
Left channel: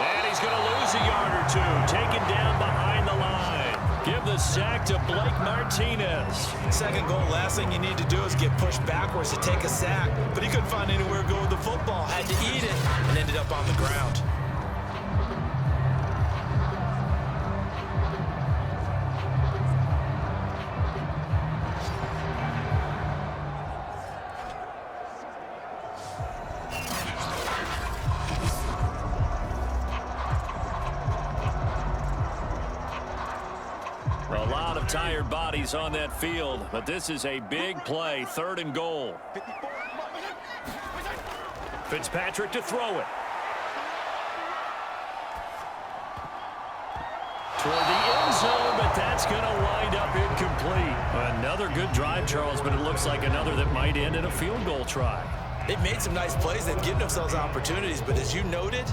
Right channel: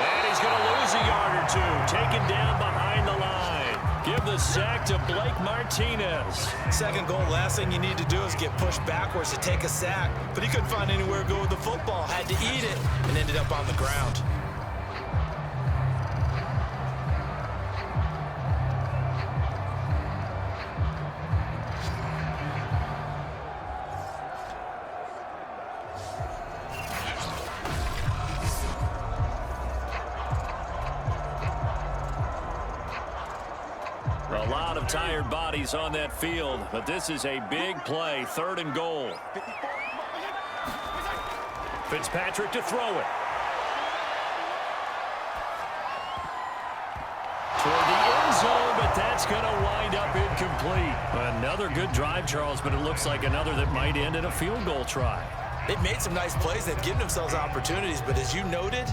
And he's going to lose a yard or 2, taken down behind the line. Give the sack to Blake Martinez. Second goal, last thing you need to do is get pushed backwards to take a sack. But he couldn't find anywhere to go with the football. Had to eat it and ended up on the ground. A lot of tired bodies on that field, but this is a big play, 3rd and goal. Fitzpatrick to throw it. Toward the end zone, but that's going to wind up incomplete. Another good drive, Charles, but it looks like another that might end in a field goal try. They've made some nice plays. They've given themselves opportunities, but as you noted,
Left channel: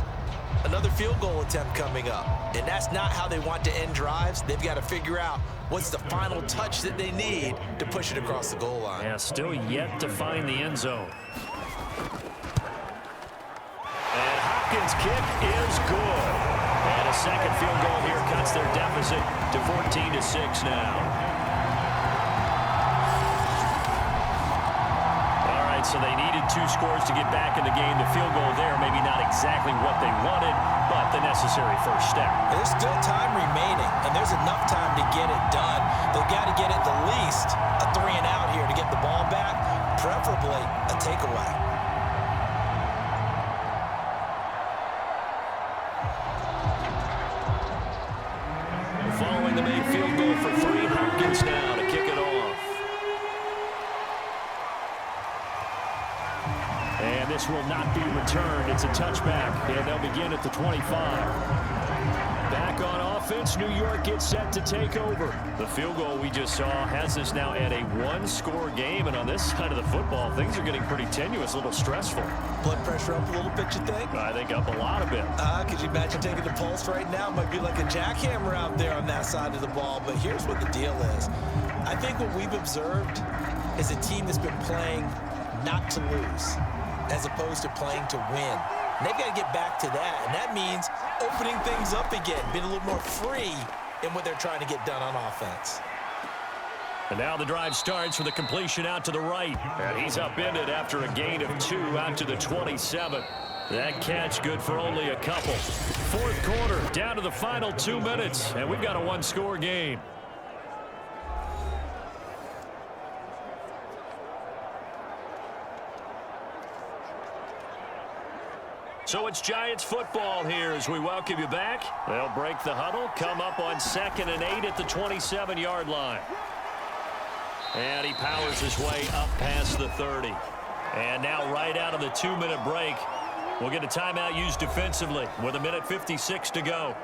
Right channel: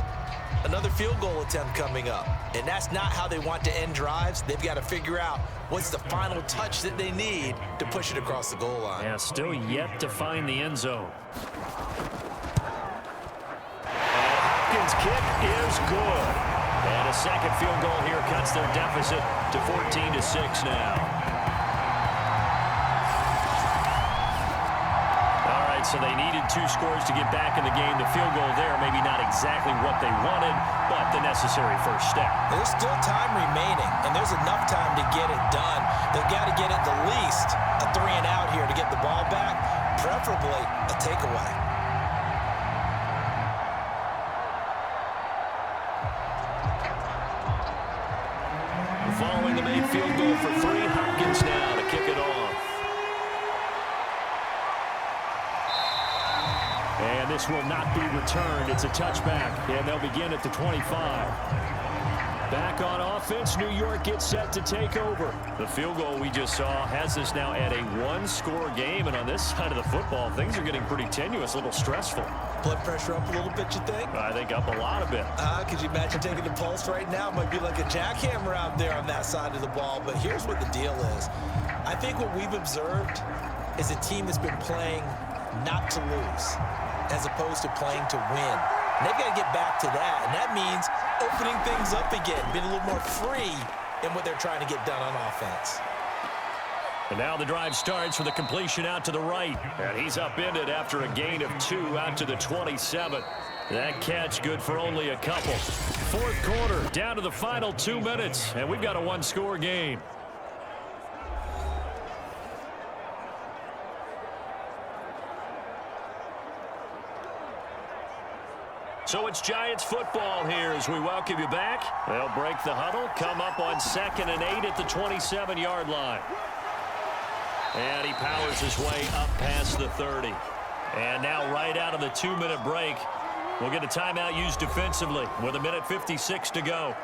another field goal attempt coming up. And that's not how they want to end drives. They've got to figure out what's the final touch that they need to push it across the goal line. Yeah, still yet to find the end zone. And Hopkins' kick is good. And a second field goal here cuts their deficit to 14-6 now. So they needed 2 scores to get back in the game. The field goal there, maybe not exactly what they wanted, but the necessary first step. There's still time remaining, and there's enough time to get it done. They've got to get at the least a 3-and-out here to get the ball back, preferably a takeaway. Following the made field goal for 3, Hopkins now to kick it off. And this will not be returned. It's a touchback, and they'll begin at the 25. Back on offense, New York gets set to take over. The field goal we just saw has us now at a 1-score game, and on this side of the football, things are getting pretty tenuous, a little stressful. Blood pressure up a little bit, you think? I think up a lot of bit. Could you imagine taking the pulse right now? It might be like a jackhammer out there on that side of the ball, but here's what the deal is. I think what we've observed is a team that's been playing not to lose as opposed to playing to win. And they've got to get back to that, and that means opening things up again, being a little more free in what they're trying to get done on offense. And now the drive starts with a completion out to the right. And he's upended after a gain of 2 out to the 27. That catch good for only a couple. Fourth quarter, down to the final 2 minutes, and we've got a 1-score game. So it's Giants football here as we welcome you back. They'll break the huddle, come up on 2nd and 8 at the 27-yard line. And he powers his way up past the 30. And now right out of the 2-minute break, we'll get a timeout used defensively with 1:56 to go.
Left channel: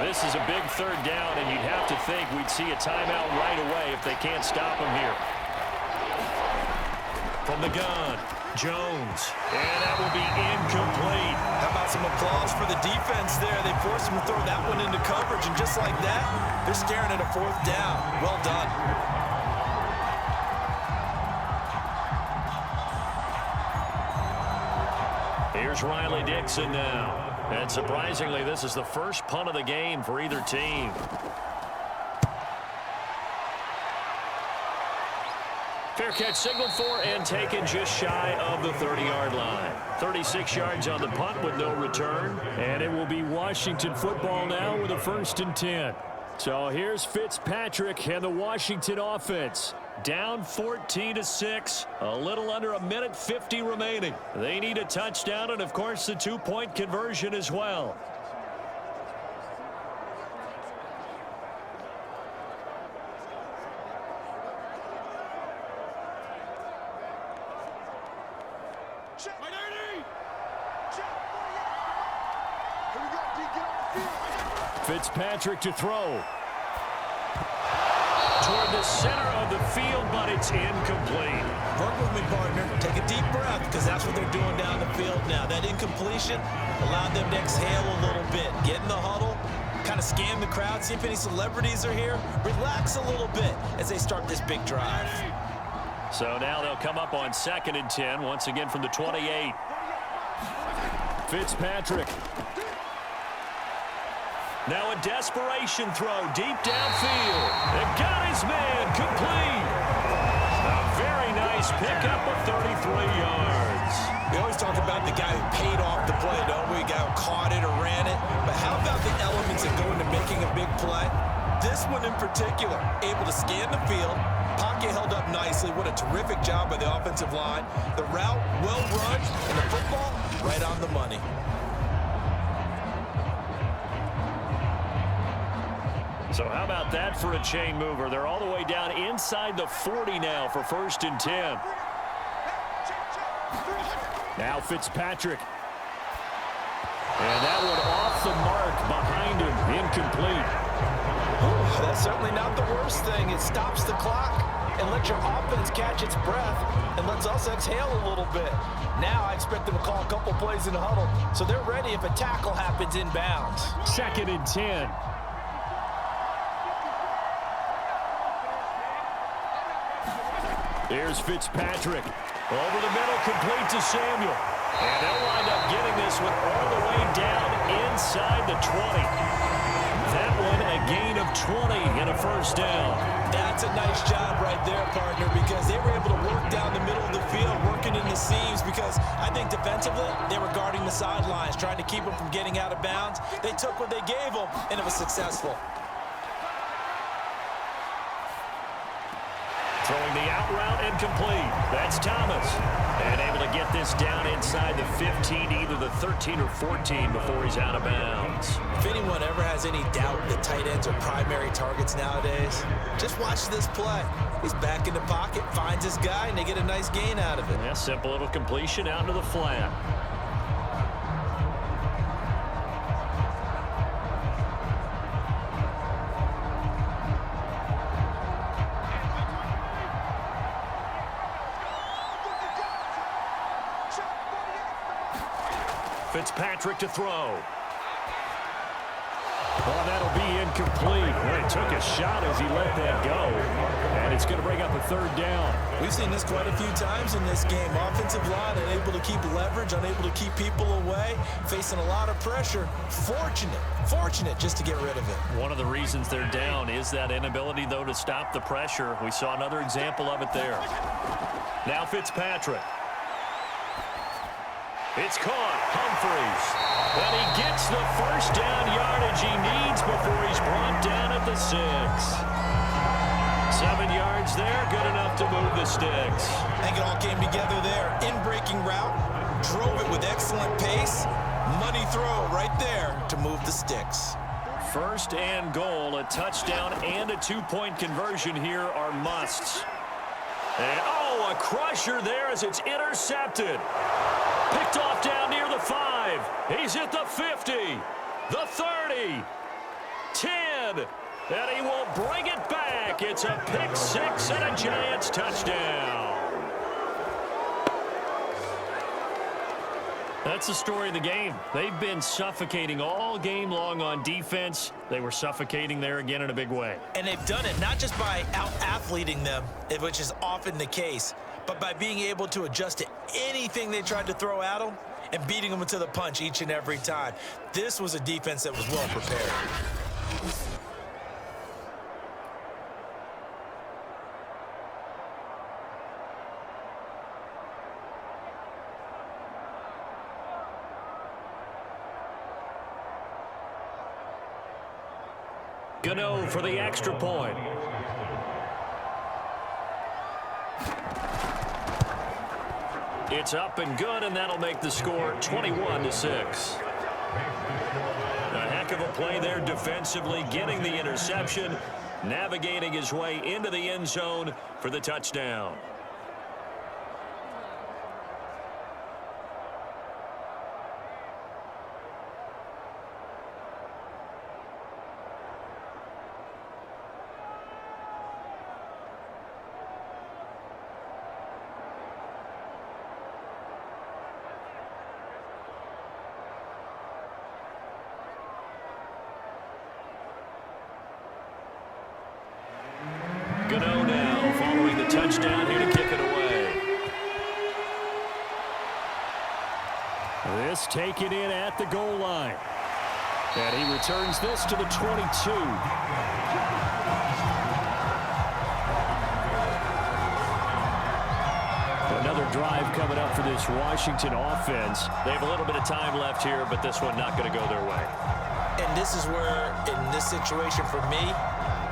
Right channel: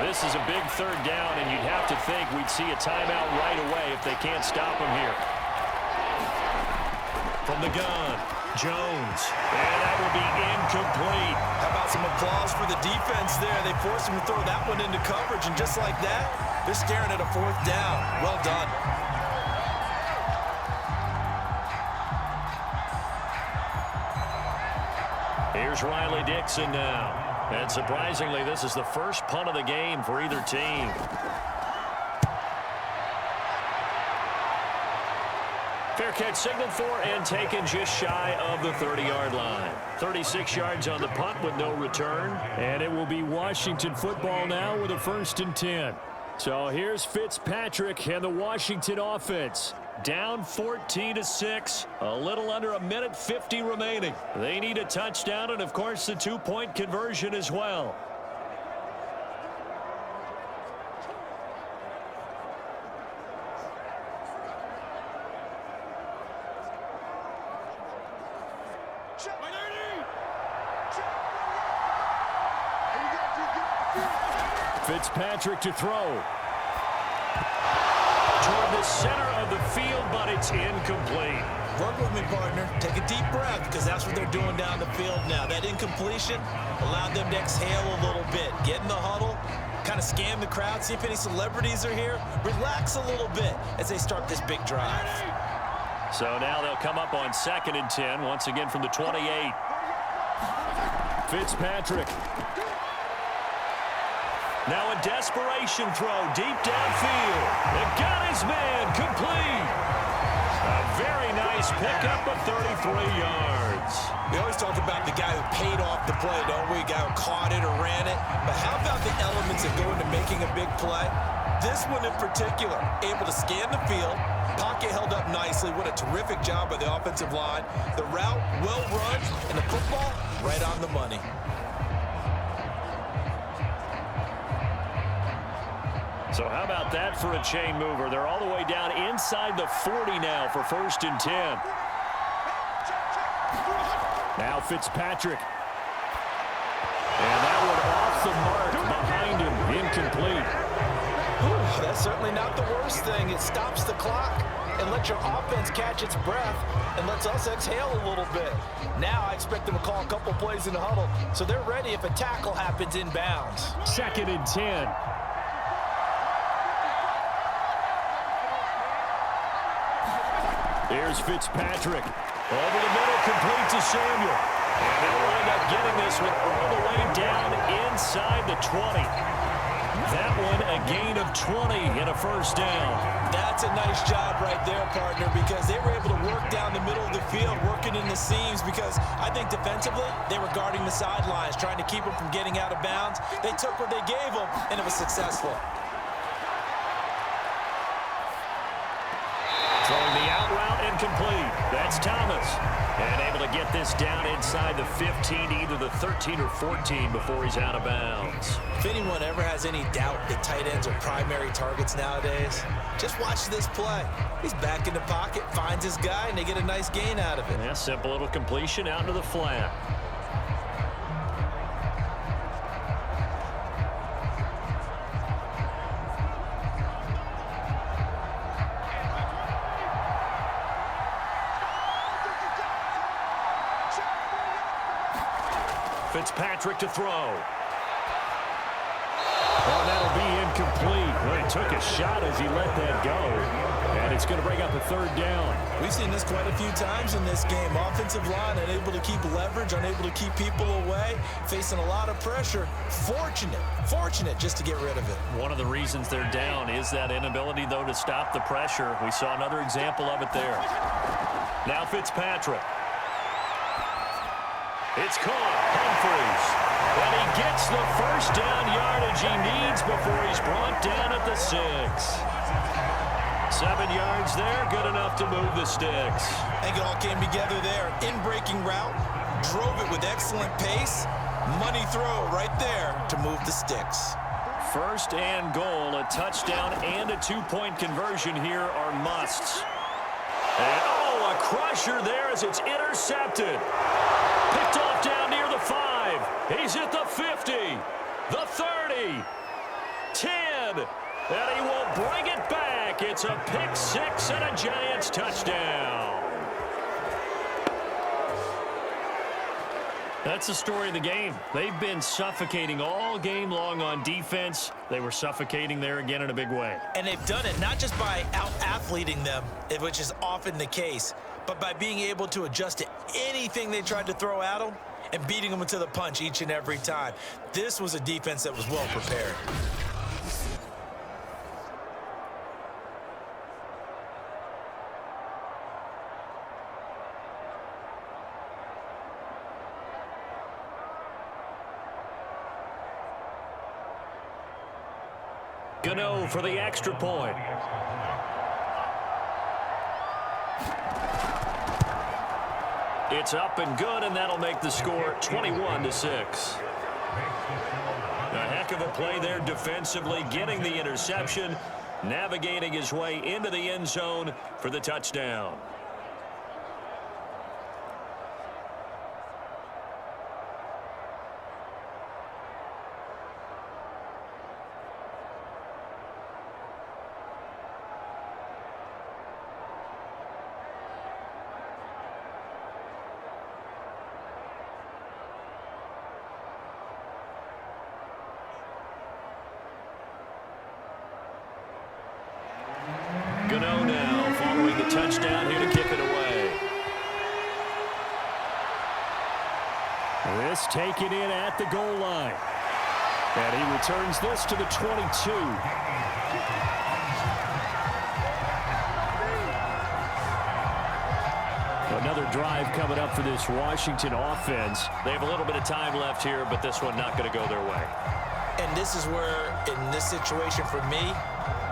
This is a big 3rd down, and you'd have to think we'd see a timeout right away if they can't stop him here. From the gun, Jones, and that will be incomplete. How about some applause for the defense there? They forced him to throw that one into coverage, and just like that, they're staring at a 4th down. Well done. Here's Riley Dixon now. And surprisingly, this is the first punt of the game for either team. Fair catch signaled for and taken just shy of the 30-yard line. 36 yards on the punt with no return. And it will be Washington football now with a 1st and 10. So here's Fitzpatrick and the Washington offense. Down 14-6, a little under 1:50 remaining. They need a touchdown and, of course, the 2-point conversion as well. Fitzpatrick to throw. Toward the center of the field, but it's incomplete. Work with me, partner. Take a deep breath, because that's what they're doing down the field now. That incompletion allowed them to exhale a little bit. Get in the huddle, kind of scan the crowd, see if any celebrities are here. Relax a little bit as they start this big drive. So now they'll come up on 2nd and 10, once again from the 28. Fitzpatrick. Now a desperation throw deep downfield. It got his man complete. A very nice pickup of 33 yards. We always talk about the guy who paid off the play, don't we? The guy who caught it or ran it. But how about the elements that go into making a big play? This one in particular, able to scan the field. Pocket held up nicely. What a terrific job by the offensive line. The route well run, and the football right on the money. So how about that for a chain mover? They're all the way down inside the 40 now for 1st and 10. Now Fitzpatrick. And that one off the mark behind him. Incomplete. Whew, that's certainly not the worst thing. It stops the clock and lets your offense catch its breath and lets us exhale a little bit. Now I expect them to call a couple plays in the huddle so they're ready if a tackle happens inbounds. 2nd and 10. Here's Fitzpatrick. Over the middle, complete to Samuel. And they'll wind up getting this one all the way down inside the 20. That one a gain of 20 and a 1st down. That's a nice job right there, partner, because they were able to work down the middle of the field, working in the seams, because I think defensively they were guarding the sidelines, trying to keep them from getting out of bounds. They took what they gave them, and it was successful. Throwing the out route and complete. That's Thomas. And able to get this down inside the 15, either the 13 or 14 before he's out of bounds. If anyone ever has any doubt that tight ends are primary targets nowadays, just watch this play. He's back in the pocket, finds his guy, and they get a nice gain out of it. Yeah, simple little completion out to the flat. Fitzpatrick to throw. Well, that'll be incomplete. Well, he took a shot as he let that go. And it's going to bring up a third down. We've seen this quite a few times in this game. Offensive line unable to keep leverage, unable to keep people away, facing a lot of pressure. Fortunate just to get rid of it. One of the reasons they're down is that inability, though, to stop the pressure. We saw another example of it there. Now Fitzpatrick. It's caught. Humphreys. And he gets the first down yardage he needs before he's brought down at the 6. 7 yards there, good enough to move the sticks. I think it all came together there. In-breaking route, drove it with excellent pace. Money throw right there to move the sticks. First and goal, a touchdown and a 2-point conversion here are musts. And, a crusher there as it's intercepted. Picked off down near the 5. He's at the 50, the 30, 10, and he will bring it back. It's a pick 6 and a Giants touchdown. That's the story of the game. They've been suffocating all game long on defense. They were suffocating there again in a big way. And they've done it not just by out-athleting them, which is often the case, but by being able to adjust to anything they tried to throw at them and beating them to the punch each and every time. This was a defense that was well prepared. Gano for the extra point. It's up and good, and that'll make the score 21-6. A heck of a play there defensively, getting the interception, navigating his way into the end zone for the touchdown. Gano now following the touchdown here to kick it away. This taken in at the goal line. And he returns this to the 22. Another drive coming up for this Washington offense. They have a little bit of time left here, but this one not going to go their way. And this is where, in this situation for me,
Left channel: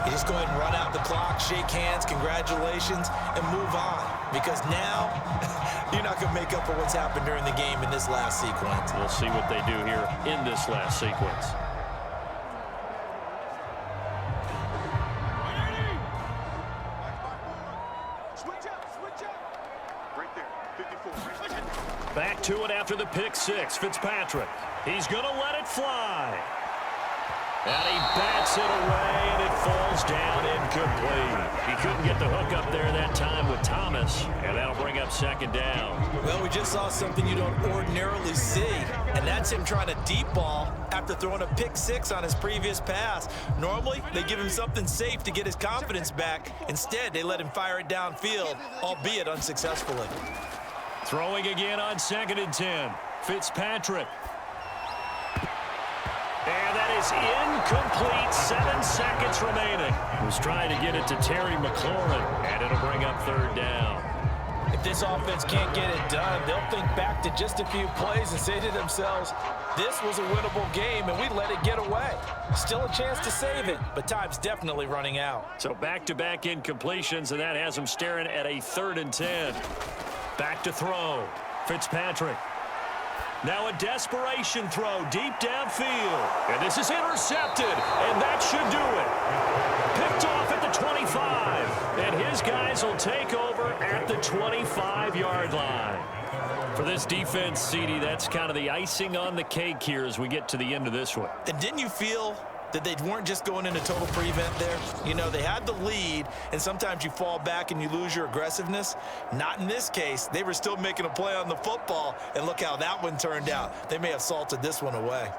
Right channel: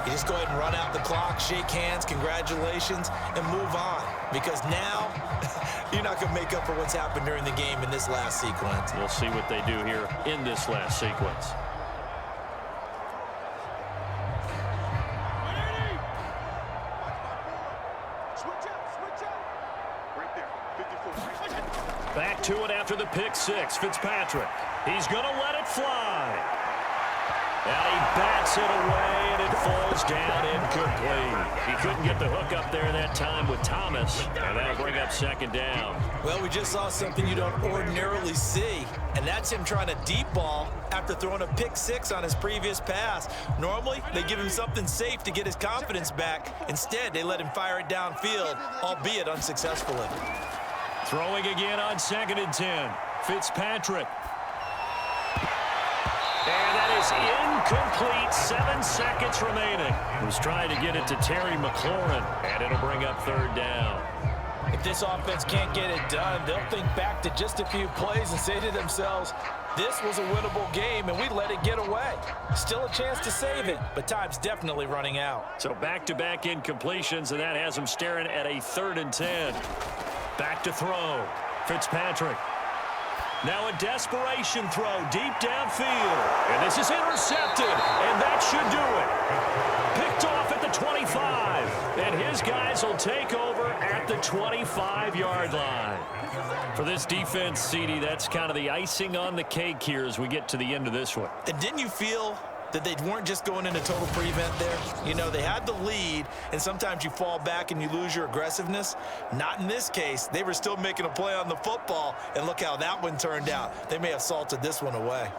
you just go ahead and run out the clock, shake hands, congratulations, and move on. Because now, you're not going to make up for what's happened during the game in this last sequence. We'll see what they do here in this last sequence. Back to it after the pick 6. Fitzpatrick. He's going to let it fly. And he bats it away, and it falls down incomplete. He couldn't get the hook up there that time with Thomas, and that'll bring up second down. Well, we just saw something you don't ordinarily see, and that's him trying to deep ball after throwing a pick 6 on his previous pass. Normally, they give him something safe to get his confidence back. Instead, they let him fire it downfield, albeit unsuccessfully. Throwing again on 2nd and 10. Fitzpatrick. And that is incomplete. 7 seconds remaining. Was trying to get it to Terry McLaurin, and it'll bring up third down. If this offense can't get it done, they'll think back to just a few plays and say to themselves, this was a winnable game, and we let it get away. Still a chance to save it, but time's definitely running out. So back-to-back incompletions, and that has them staring at a 3rd and 10. Back to throw. Fitzpatrick. Now a desperation throw deep downfield. And this is intercepted, and that should do it. Picked off at the 25. And his guys will take over at the 25-yard line. For this defense, CD, that's kind of the icing on the cake here as we get to the end of this one. And didn't you feel that they weren't just going into total prevent there? You know, they had the lead, and sometimes you fall back and you lose your aggressiveness. Not in this case. They were still making a play on the football, and look how that one turned out. They may have salted this one away.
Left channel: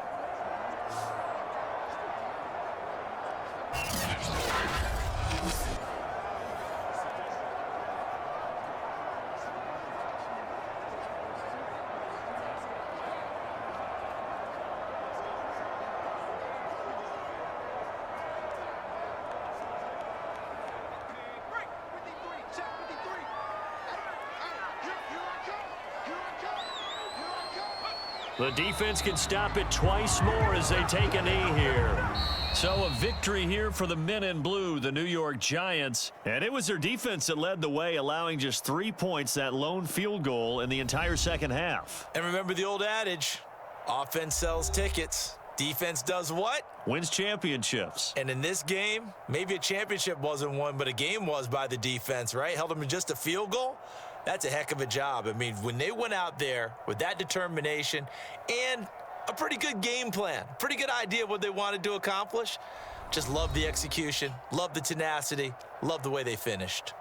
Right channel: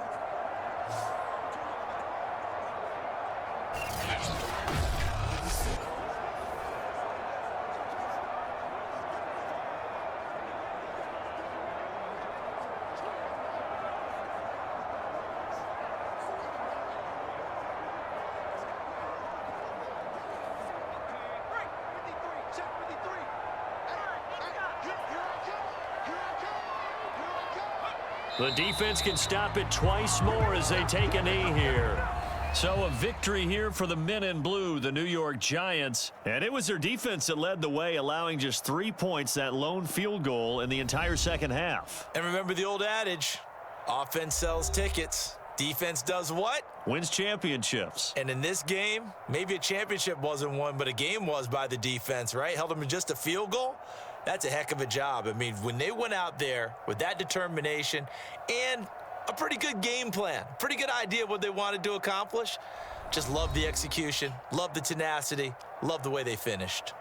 The defense can stop it twice more as they take a knee here. So a victory here for the men in blue, the New York Giants. And it was their defense that led the way, allowing just 3 points, that lone field goal in the entire second half. And remember the old adage, offense sells tickets. Defense does what? Wins championships. And in this game, maybe a championship wasn't won, but a game was by the defense, right? Held them to just a field goal. That's a heck of a job. I mean, when they went out there with that determination and a pretty good game plan, pretty good idea of what they wanted to accomplish, just love the execution, love the tenacity, love the way they finished.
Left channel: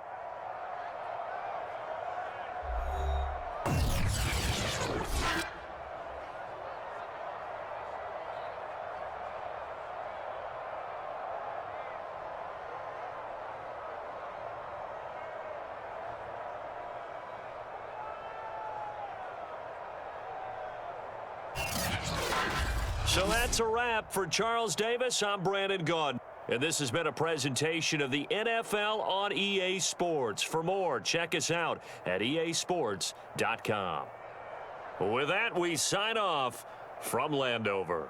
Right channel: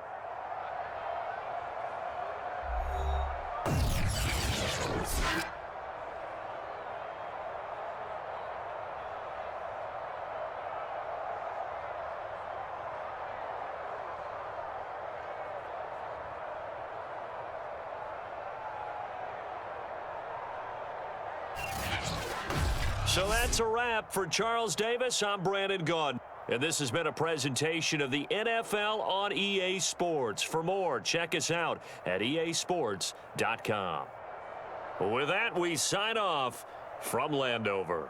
So that's a wrap for Charles Davis. I'm Brandon Gaudin. And this has been a presentation of the NFL on EA Sports. For more, check us out at easports.com. With that, we sign off from Landover.